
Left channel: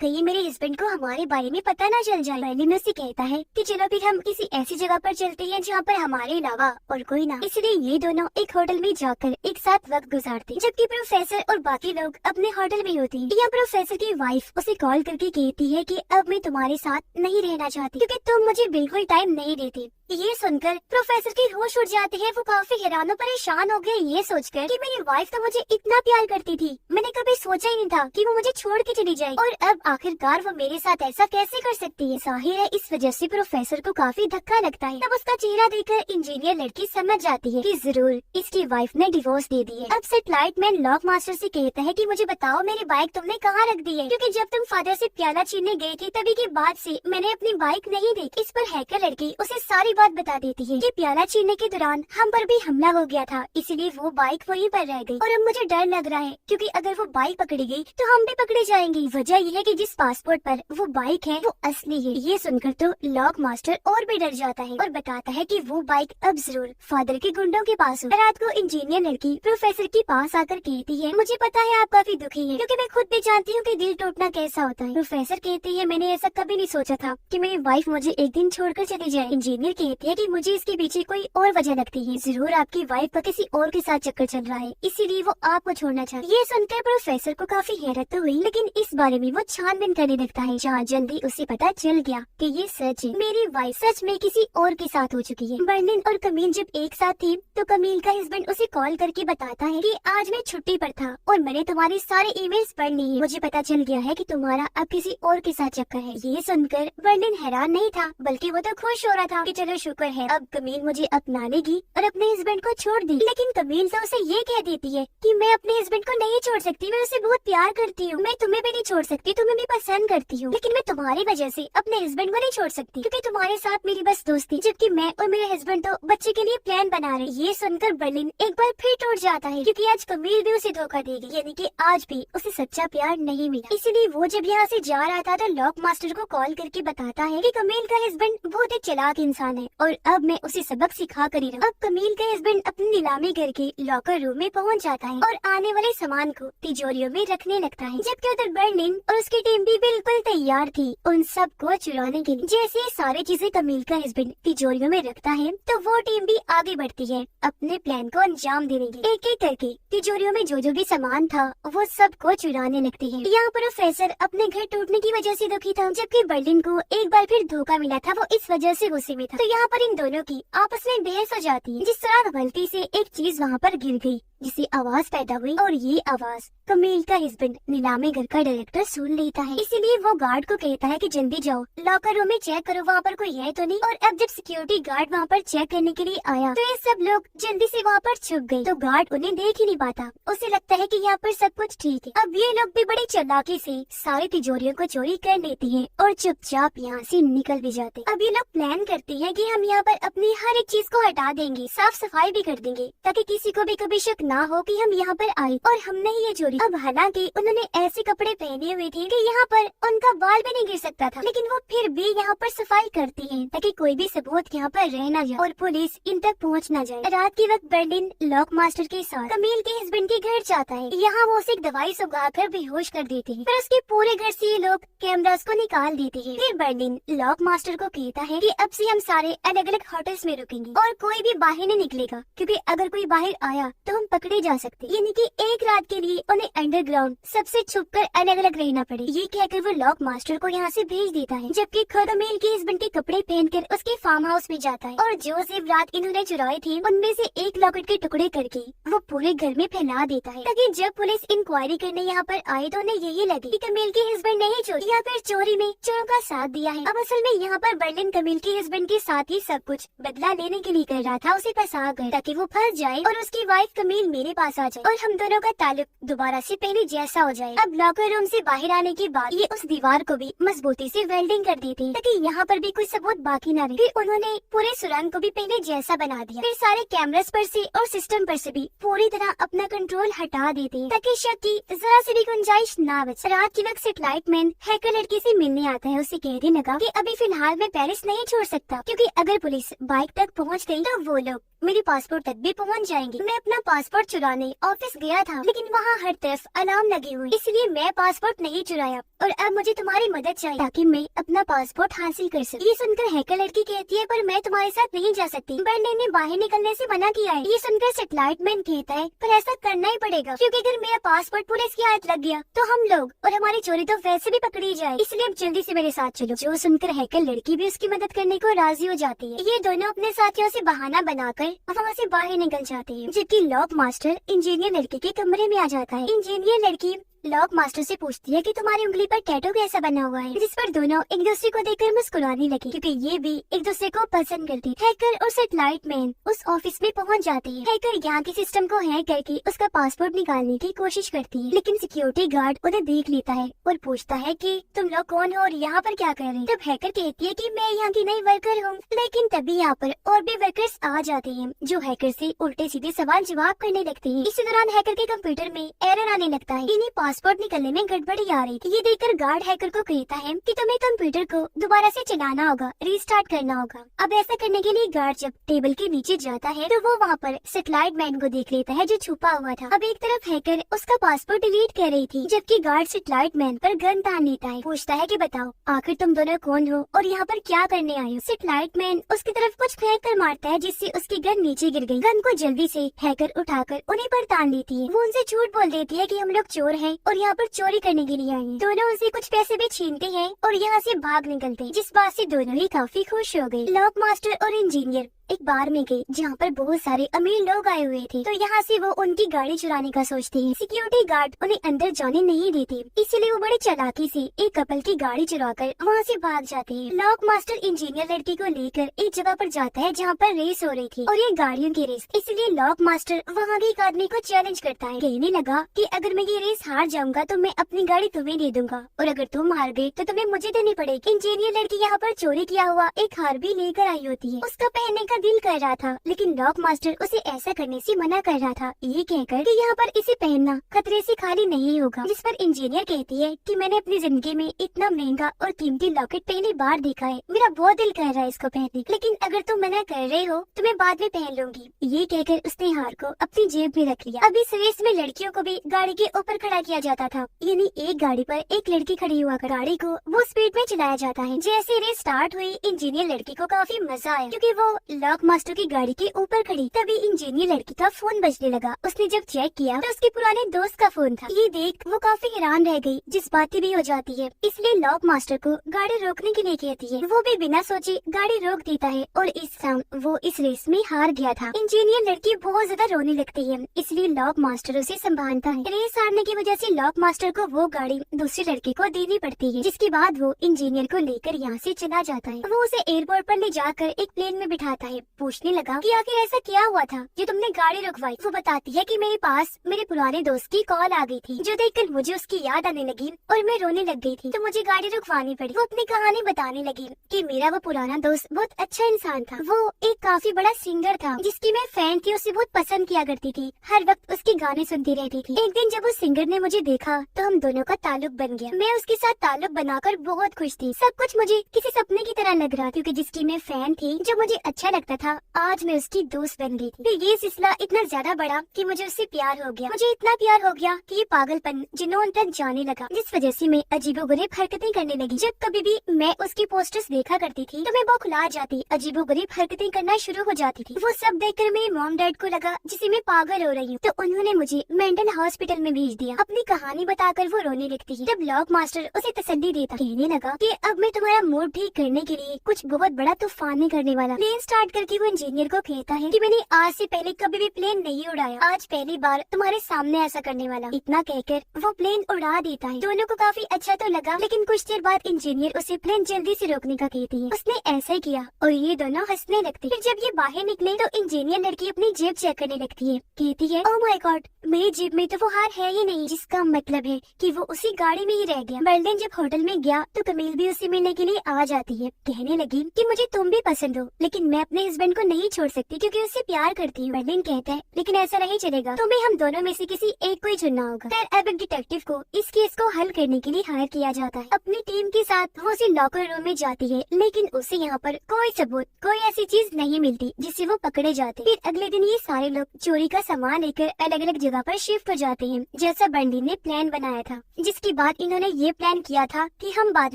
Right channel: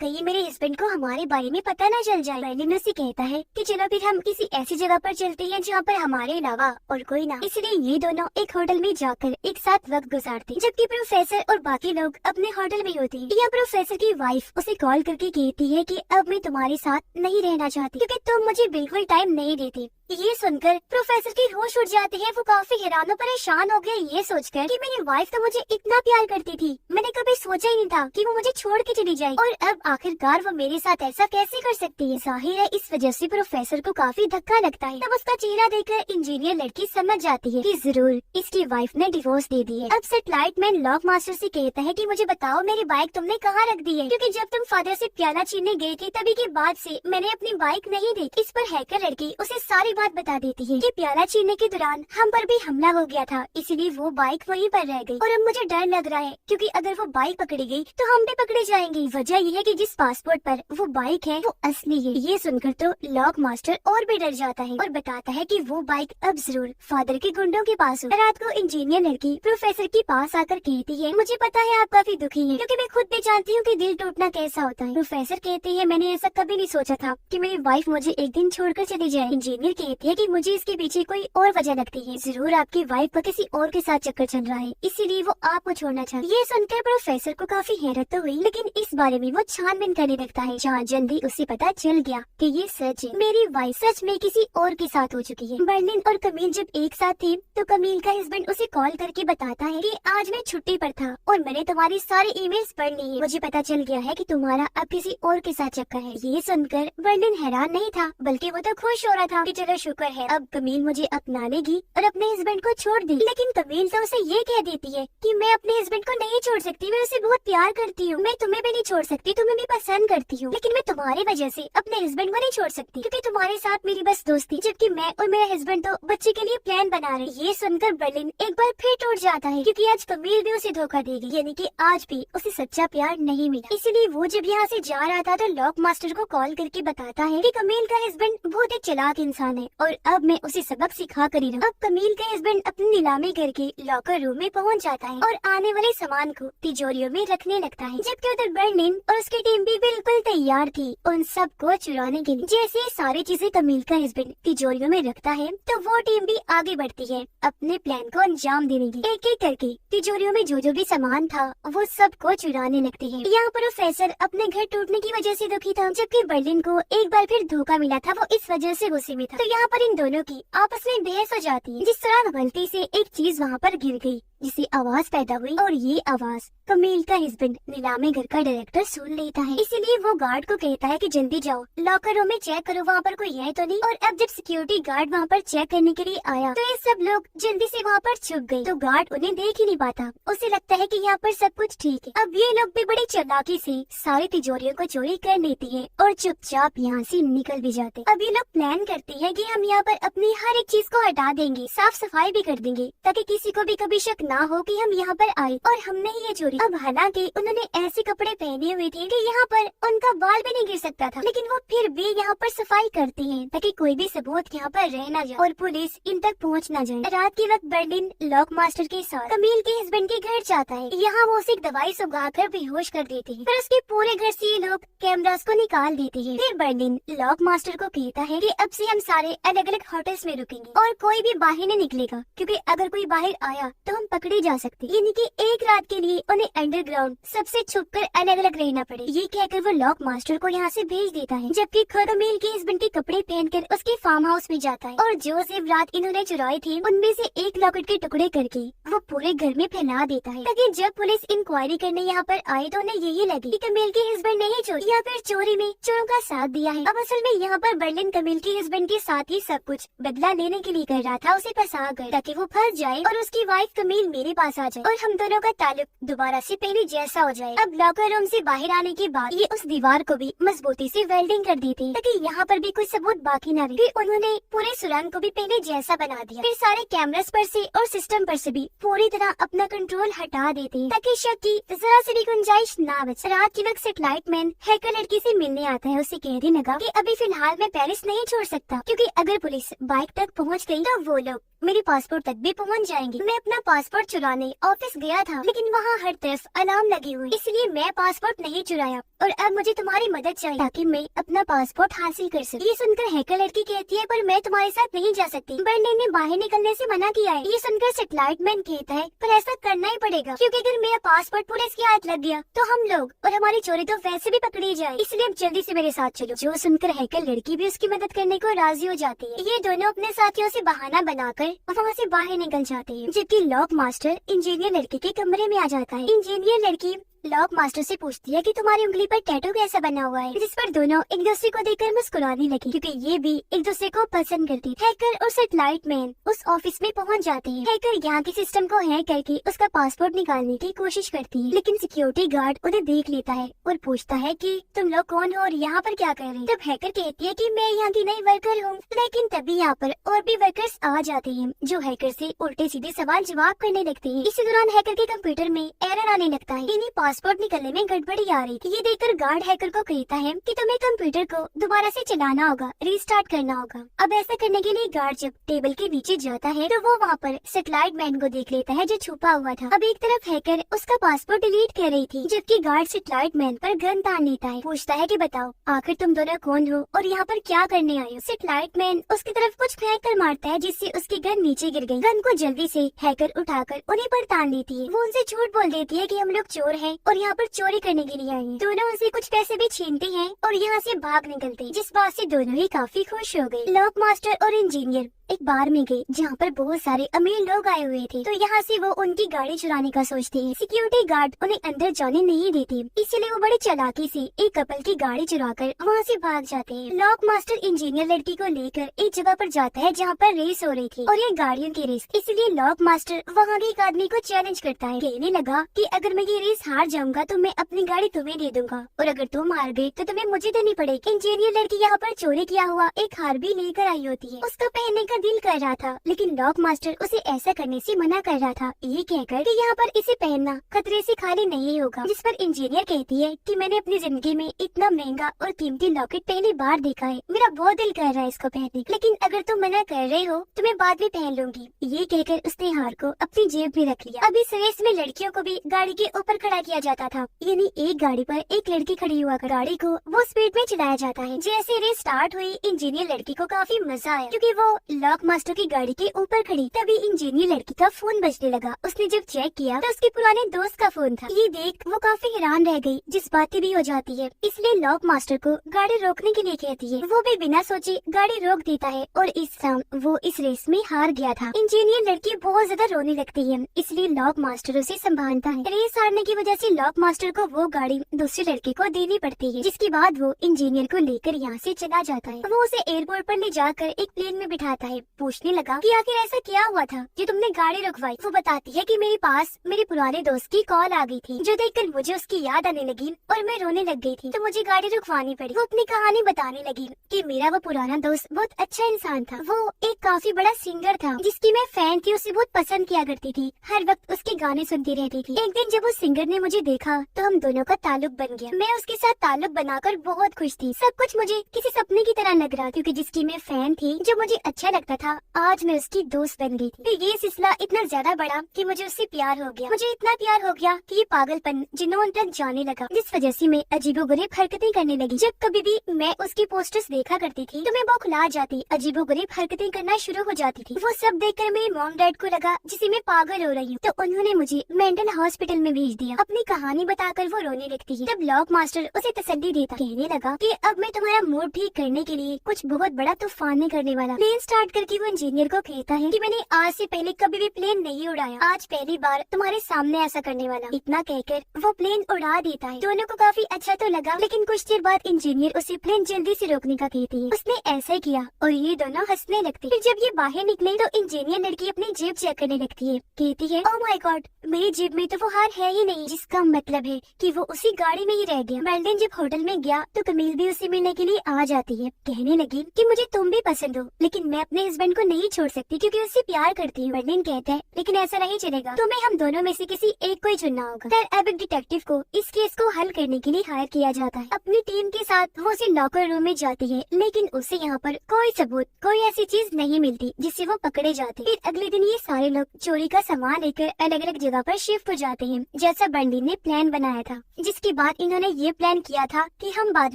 कहीं मेरे हस्बैंड को हमारे बारे में पता न चल जाए। बर्लिन उससे कहता है कि चलो फिर हम किसी ऐसी जगह पर चलते हैं जहाँ पर हमारे अलावा और कोई ना। इसलिए ये दोनों एक होटल में जाकर एक साथ वक्त गुजारते हैं, जबकि प्रोफेसर और बाकी लोग अपने होटल में होते हैं। यह प्रोफेसर की वाइफ उसे कॉल करके कहती है कि अब मैं तुम्हारे साथ नहीं रहना चाहती क्योंकि तुम मुझे बिल्कुल टाइम नहीं देती। ये सुनकर प्रोफेसर की होश उड़ जाती है। वो काफी हैरान और परेशान हो गए ये सोचकर कि मेरी वाइफ तो मुझे इतना प्यार करती थी, मैंने कभी सोचा ही नहीं था कि वो मुझे छोड़ के चली जाए और अब आखिरकार वो मेरे साथ ऐसा कैसे कर सकती है। जाहिर है इस वजह से प्रोफेसर को काफी धक्का लगता है। तब उसका चेहरा देखकर इंजीनियर लड़की समझ जाती है कि जरूर इसकी वाइफ ने डिवोर्स दे दी है। अब सेटेलाइट मैन लॉक मास्टर से कहता है कि मुझे बताओ मेरी बाइक तुमने कहाँ रख दी है, क्योंकि जब तुम फादर से प्याला छीनने गए थे तभी के बाद से मैंने अपनी बाइक नहीं देखी। इस पर हैकर लड़की उसे सारी बात बता देती है कि प्याला छीनने के दौरान हम पर भी हमला हो गया था, इसीलिए वो बाइक वहीं पर रह गई और अब मुझे डर लग रहा है क्योंकि अगर वो बाइक पकड़ी गई तो हम भी पकड़े जाएंगे। वजह यह है कि जिस पासपोर्ट पर वो बाइक है वो असली है। ये सुनकर तो लॉक मास्टर और भी डर जाता है और बताता है कि वो बाइक अब जरूर फादर के गुंडों के पास हो। रात को इंजीनियर लड़की प्रोफेसर के पास आकर कहती है मुझे पता है आप काफी दुखी हैं क्योंकि मैं खुद भी जानती हूँ कि दिल टूटना कैसा होता है। प्रोफेसर कहते हैं मैंने ऐसा कभी नहीं सोचा था कि मेरी वाइफ मुझे एक दिन छोड़कर चली जाए। इंजीनियर कहती है कि मुझे इसके पीछे कोई और वजह लगती है, जरूर आपकी वाइफ का किसी और के साथ चक्कर चल रहा है इसीलिए वो आपको छोड़ना चाहती है। ये सुनकर प्रोफेसर को काफी हैरत तो हुई लेकिन इस बारे में वो छानबीन करने लगता है। जहाँ जल्दी उसे पता चल गया कि ये सच है, मेरी वाइफ सच में किसी और के साथ हो चुकी है। बर्लिन और कमील जब एक साथ थे तो कमील का हस्बैंड उसे कॉल करके बताता है कि आज मैं छुट्टी पर था और मैंने तुम्हारी सारे ईमेल्स पढ़ ली है, मुझे पता चल गया है कि तुम्हारा अब किसी और के साथ चक्कर है। ये सुनकर बर्लिन हैरान नहीं था बल्कि वो तो खुश हो रहा था कि चलो शुक्र है अब कमील मुझे अपना लेगी और अपने हस्बैंड को छोड़ दी। लेकिन कमील तो उसे ये कह देती है कि मैं अपने हस्बैंड को नहीं छोड़ सकती, मैं उसे बहुत प्यार करती हूँ, मैं तुम्हें भी नहीं छोड़ सकती, तुम्हें भी पसंद करती हूँ, लेकिन मैं तुम्हारी वजह से अपने हस्बैंड को नहीं छोड़ सकती क्योंकि तुम्हारे साथ मेरी बस दोस्ती, जबकि मैं और मेरे हस्बैंड तो बच्चे के लिए प्लान बना रहे। ये सुनकर बर्लिन एक बार फिर टूट जाता है क्योंकि आज कमील भी उसे धोखा देगी, यानी कि आज भी उसे सच्चा प्यार नहीं मिला। इसीलिए वो जब यहाँ से जा रहा था तो लॉक मास्टर को कॉल करके बताता है कि कमील का हस्बैंड बहुत एक चालाक इंसान है और अब मैं उसे सबक सिखा कर ही रहा। अब कमील का हस्बैंड अपनी नीलामी करके लॉकर रूम में पहुंच जाता है और आने वाले सामान को तिजोरियों में रखने लगता है, जबकि उधर बर्लिन और उसकी टीम भी बिल्कुल तैयार थी उन सब को चुराने के लिए। जैसे सारी चीजें कमील का हस्बैंड तिजोरियों में रखता है तो वो टीम भी आगे बढ़ती है अपने प्लान को अंजाम देने की। एक एक करके तिजोरियों में जो भी सामान था वो सब को चुराने लगते हैं। यहाँ पर प्रोफेसर अपने घर टूटने की वजह से दुखी था, जबकि बर्लिन को एक बार फिर धोखा मिला था, वो इस वजह से गुस्से में था। तो यहाँ पर इन दोनों की आपस में बहस हो जाती है, जिस तरह गलती से एक चीज वहाँ पर गिर गई जिससे आवाज पैदा हुई और ये आवाज कमील का हस्बैंड नीलामी घर का डायरेक्टर सुन लेता है। इसीलिए वो गार्ड को कहता है कि जल्दी जाओ लॉकर रूम में चेक करो वहाँ पर कोई है तो नहीं। और अब जब सिक्योरिटी गार्ड वहाँ पर चेक करने के लिए आया तो ये सब लोग जल्दी से वहाँ पर छुप गए, तो गार्ड उन्हें देख ही नहीं पाता, उसे लगता है कि यहाँ पर सब कुछ ठीक है। अब ये लोग भी बड़ी चालाकी से सारी तिजोरियों को चोरी कर लेती है और चुपचाप यहाँ से निकल भी जाते। अब ये लोग प्लान करते हैं कि हम यहाँ पर अपनी हर एक चीज को हटा देंगे, साफ सफाई भी कर देंगे ताकि किसी को भी कभी शक ना हो कि हम यहाँ पर आए और हमने ये चोरी। अब हालांकि उन्होंने ऐसे कपड़े पहने हुए थे कि यहाँ पर उनका बाल भी नहीं गिर सकता था, लेकिन वो फिर भी यहाँ पर सफाई करती हैं ताकि कोई भी सबूत यहाँ पर रह न जाए और पुलिस इन तक पहुँच न जाए। रात के वक्त बर्लिन लॉक मास्टर के साथ कमील के हस्बैंड के घर जाता है। यहाँ वो उसे एक दवाई सुगाकर बेहोश कर देते हैं, फिर उसके पूरे घर से ये लोग कैमरास को निकाल देते हैं। फिर बर्लिन लॉक मास्टर को कहता है कि अब से हम सारे अलग अलग होटल्स में रुकेंगे और कोई भी बाहर नहीं निकलेगा क्योंकि अगर कोई बाहर आया तो हम पकड़े जा सकते, यानी कि एक रात के लिए उन्हें अंडरग्राउंड सबसे छुपकर अलग अलग रहना पड़े। ये कहकर वो लॉक मास्टर को यहाँ से भेज देता है, जबकि खुद कमील के हस्बैंड के कपड़े पहनकर उसके फार्म हाउस में जाता है और जो सिर्फ रात इन्होंने चुराई थी उनमें से एक लॉकेट के टुकड़े करके वो पूरे घर में फैला देता है ताकि जब पुलिस इंक्वायरी करने यहाँ पर आए तो उन्हें यही लगे कि कमील के हस्बैंड ने ही चोरी या फिर चोरी में चोरों का साथ दिया है। अब असल में यहाँ पर बर्लिन कमील के हस्बैंड के साथ ही सब कुछ बदला लेने के लिए कर रहा था, उसे फंसा कर ताकि वो फंस जाए और उसकी वाइफ कमील मेरे पास आ जाए और हम दोनों का ताल्लुक दोबारा से पहले जैसा हो जाए। अब लॉकर रूम से बाहर आने के बाद ये उस दीवार को भी मजबूती से वेल्डिंग कर दी थी ताकि यहाँ पर भी कोई सबूत बाकी न रहे। फिर उन्होंने पूरे सुरंग को भी पहले जैसा बना दिया। फिर सारे कैमरास पर से और सिस्टम पर से भी पूरी तरह अपना कंट्रोल हटा देते ताकि शक की जरा सी भी गुंजाइश ना बचे। रात के वक्त सेटेलाइट मैन हैकर लड़की से मिलने आता है। उसे कहने लगा कि अभी फिलहाल मैं पेरिस नहीं छोड़ सकता क्योंकि अगर पुलिस बाइक तक पहुंच गई तो वो लोग मेरे पासपोर्ट तक भी पहुंच जाएंगे। मैं अपना पासपोर्ट चुराने ऑफिस गया था लेकिन वहाँ हर तरफ अलार्म लगी हुई, इसलिए मैं पासपोर्ट नहीं चुराया और अब मुझे तुम्हारी मदद चाहिए ताकि मैं अपना पासपोर्ट हासिल कर सकूं। ये सुनकर हैकर लड़की कहती है पर मैं तुम्हारे साथ नहीं जा सकती, बर्लिन ने बाहर निकलने से मना किया है। ये सुनकर सेटेलाइट मैन कहता है पर ऐसा करना ही पड़ेगा क्योंकि अगर मेरा पासपोर्ट पुलिस के हाथ लग गया तो हम लोग और हमारी चोरी तो वैसे भी पकड़ी जाए, इसलिए अब जल्दी से मेरे साथ चलो। जो सुनकर हैकर लड़की भी उसकी मदद करने को राजी हो जाती है। ये दोनों अपने साथियों से बहाना बनाकर वहाँ से बाहर निकल जाते हैं जबकि लॉक मास्टर इंजीनियर लड़की के कमरे में आ जाता है। इंजीनियर लड़की लॉक मास्टर से पूछती है कि तुम्हारी उंगली पर टैटू कैसा बना हुआ है, जिस पर दोनों एक दूसरे को देखकर मुस्कुराने लगी क्योंकि ये भी एक दूसरे को पसंद करती। हैकर और सेटेलाइट मैन उस ऑफिस में पहुंच जाते हैं। हैकर यहाँ के सिस्टम को हैक करके उसका पासपोर्ट निकालने की कोशिश करती है लेकिन सिक्योरिटी गार्ड उन्हें देख लेता है और पूछता है कि तुम लोग कौन हो और यहाँ पर क्या कर रहे हैं। तब हैकर कहती है कि मैं यहाँ की नई वर्कर हूँ, लेकिन तभी यहाँ पर और भी वर्कर्स आ जाते हैं जो हैकर से उल्टे सीधे सवाल जवाब करने लगते हैं। इसी दौरान हैकर के कंप्यूटर में एरर आने लगता है, इन्हें पासपोर्ट निकलने में गड़बड़ी आ रही थी। ये देखकर गार्ड हैकर को कहता है कि तुम्हें कंप्यूटर को दोबारा से चलाना होगा, रीस्टार्ट करना होगा। अब ऐसा करने के लिए गार्ड जब टेबल के नीचे जाता है तो वो वहाँ पर सेटेलाइट मैन को देख लेता है जो छुपा हुआ था। अब एक तरफ हैकर उसका पासपोर्ट डिलीट कर रही थी जबकि गार्ड सेटेलाइट मैन पर गन तान लेता है। पूछता है कि बताओ आखिर तुम दोनों कौन हो और यहाँ पर क्या करने आए हो। सेटेलाइट मैन उसकी तरफ कुछ फेंक कर मारता है जिससे उसकी गन नीचे गिर गई। गन को जल्दी से हैकर उठाकर उन्हीं पर तान देती है। वो उनसे झूठ बोल देती है कि हम लोग चोर हैं और यहाँ पर चोरी करने के लिए आए हैं। दोनों उनसे कुछ पैसे भी छीनते हैं और यहाँ से भाग निकलते हैं, जिस बात से दोनों ही काफी खुश हो गए। लॉक मास्टर और इंजीनियर एक बार में गए जहाँ पर बहुत सारे अमीर लोग आए हुए थे तो यहाँ से वो उनकी गाड़ी चुराने का सोचते हैं। सिक्योरिटी गार्ड उन्हें अंदर जाने नहीं देते, इसलिए वो बड़ी चालाकी से एक कपल की गाड़ी चुराकर वहाँ से भाग जाते हैं। लॉक मास्टर इंजीनियर लड़की को लेकर एक जगह पर जाता है जहाँ पर रेस हो रही थी और ये गाड़ियों की रेस, इसलिए लॉक मास्टर वहाँ के एक आदमी को चैलेंज करता है। कहने लगा कि अगर मैं ये रेस हार जाऊंगा तो मैं अपनी गाड़ी तुम्हें दे दूंगा और अगर तुम हार गए तो तुम्हें मुझे देनी पड़ेगी। इंजीनियर लड़की यहाँ पर चोरी किया हुआ एक हार भी लेकर आई होती है, उसका पहनने का दिल कर रहा था लेकिन लॉक मास्टर उसे ऐसा करने से मना कर रहा था, ये कहकर कि यहाँ पर इसे पहनना खतरे से खाली नहीं होगा। जिस पर इंजीनियर कहती है कि मैंने अपनी जिंदगी में इतना महंगा और कीमती लॉकेट पहली बार देखा है, मेरा बहुत दिल कर रहा है इसको पहनने, लेकिन अगर तुम मना कर रहे हो तो मैं बाद में पहन लूंगी। ये कहकर उसने हार को अपनी जेब में रख लिया। अब इस रेस में लड़कियों को भी गाड़ी के ऊपर खड़ा किया जाता था, यानी एक गाड़ी पर एक लड़की खड़ी हुआ कर गाड़ी को वो स्पीड में चलाया जाता है। जैसे रेस स्टार्ट हुई इंजीनियर लड़की को काफी मजा आया क्योंकि वो लॉक मास्टर की गाड़ी के ऊपर खड़ी। तभी इंजीनियर लड़की का फोन बजने लगा। उसने जब चेक किया तो उसके पुराने दोस्त का फोन था। ये देख वो काफी हैरान रह गई, जज्बाती भी हो जाती है, इसलिए लॉक मास्टर को गाड़ी रोकने के लिए कहती है। वो भी बिना सोचे गाड़ी रोक देता है और इस शाम वो इस रेस में हार गया था। इंजीनियर लड़की बहुत ज्यादा रोने लगती है, इसलिए लॉक मास्टर उसे संभालता है। रेस हारने की वजह से लॉक मास्टर को वो गाड़ी दूसरे लड़के को देनी पड़ती है, जिसके बाद वो इंजीनियर को लेकर यहाँ से चला जाता है। वो उसे एयरपोर्ट पर ले जाकर एक प्लेन में बिठाता है। पूछने लगा कि आखिर ऐसा क्या हुआ था जो तुमने गाड़ी रुकवाई। वो बताती है कि मेरे पास मेरे पुराने दोस्त की कॉल आ गई थी जो देखकर मुझे उसकी याद आने लगी और मैं रोने लग गई थी, तो मुझे गाड़ी रुकवानी पड़ी। वो अपनी कहानी बताने लगी कि मेरा वो पुराना दोस्त बहुत अच्छा इंसान था, वो एक काफी बड़ा सिंगर था जिसकी मैं फैन थी, उसे बहुत पसंद किया करती थी, हर वक्त उसके गाने सुनती रहती थी। एक दिन जब उस सिंगर ने मुझे देखा तो हम दोनों का ताल्लुक बन गया। मैं उसके साथ ताल्लुक बनाकर बहुत खुश थी। सब कुछ मुझे किसी सपने की तरह लग रहा क्योंकि जिसकी मैं फैन थी, जो मुझे अच्छा लगता था, आज मैं उसकी दोस्त बन गई थी। फिर ये सिलसिला इतना ज्यादा बढ़ा कि मुझे उससे प्यार हो गया। मुझे इतना प्यार हो गया कि ये पागलपन जुनून तक जाने लगा, जिस वजह से मैं अजीबोगरीब हरकतें करने लगी। जब कभी भी मैं उसकी पोस्टर्स देखा करती थी तो मैं बौखला जाती, अजीबोगरीब हरकतें करना शुरू हो जाती थी। वो सब देखकर मेरे मॉम डैड को लगा जिसे मैं पागल हो रही हूँ, तो उन्होंने मुझे मेंटल हॉस्पिटल में भेज दिया। अपनी कहानी बताकर वो रोने लगती है। तब लॉक मास्टर उसे तसल्ली देता, कहने लगा कि अब मैं तुम्हारा मूड ठीक करने के लिए कुछ बहुत बड़ा तूफान नहीं करने वाला। प्लेन स्टार्ट करके वो इंजीनियर को कहता है कि मैंने आज से पहले कभी भी प्लेन नहीं उड़ाया, आज पहली बार तुम्हारे सामने ऐसा करने वाला। इतना कहकर वो प्लेन उड़ा देता है। दोनों को काफी अच्छा तो लगा, लेकिन कुछ देर बाद इंजीनियर उसे प्लेन जल्दी से रोकने का कहती है। उसने ऐसा ही किया और ये दोनों हंसने लगते। फिर जब ये बाहर निकले तो इंजीनियर लड़की अपनी जेब चेक करने लगती है, कहती है ओह माय गॉड, मेरी जेब में तो वो हार है ही नहीं, जिसका मतलब है कि वो उसी गाड़ी में ही रह गया। बर्लिन जब होटल में गया तो कमील भी उसे मिलने के लिए आ जाती है। कहने लगी कि मुझे तुम भी पसंद हो, लेकिन मैं अपने हस्बैंड को नहीं छोड़ सकती क्योंकि उससे प्यार करती हूँ। बर्लिन कहता है लेकिन ऐसा नहीं चलेगा, तुम्हें हम दोनों में से किसी एक को ही चुनना होगा। फिर अब एक डिटेक्टिव को इस केस को हल करने के लिए हायर किया जाता है। अपनी टीम के साथ वो उसे लॉकर रूम में जाती है, लेकिन उसे यहाँ पर कोई सबूत, कोई ऐसी चीज नहीं मिलती जिससे वो पकड़े जाते। फिर अगले दिन ये सारे लोग चोरी का सामान लेकर अलग अलग जगह पर शिफ्ट हो जाते हैं, जैसा बर्लिन ने प्लान बनाया था। जिसके बाद इन्होंने ये प्लान किया था कि हम बाद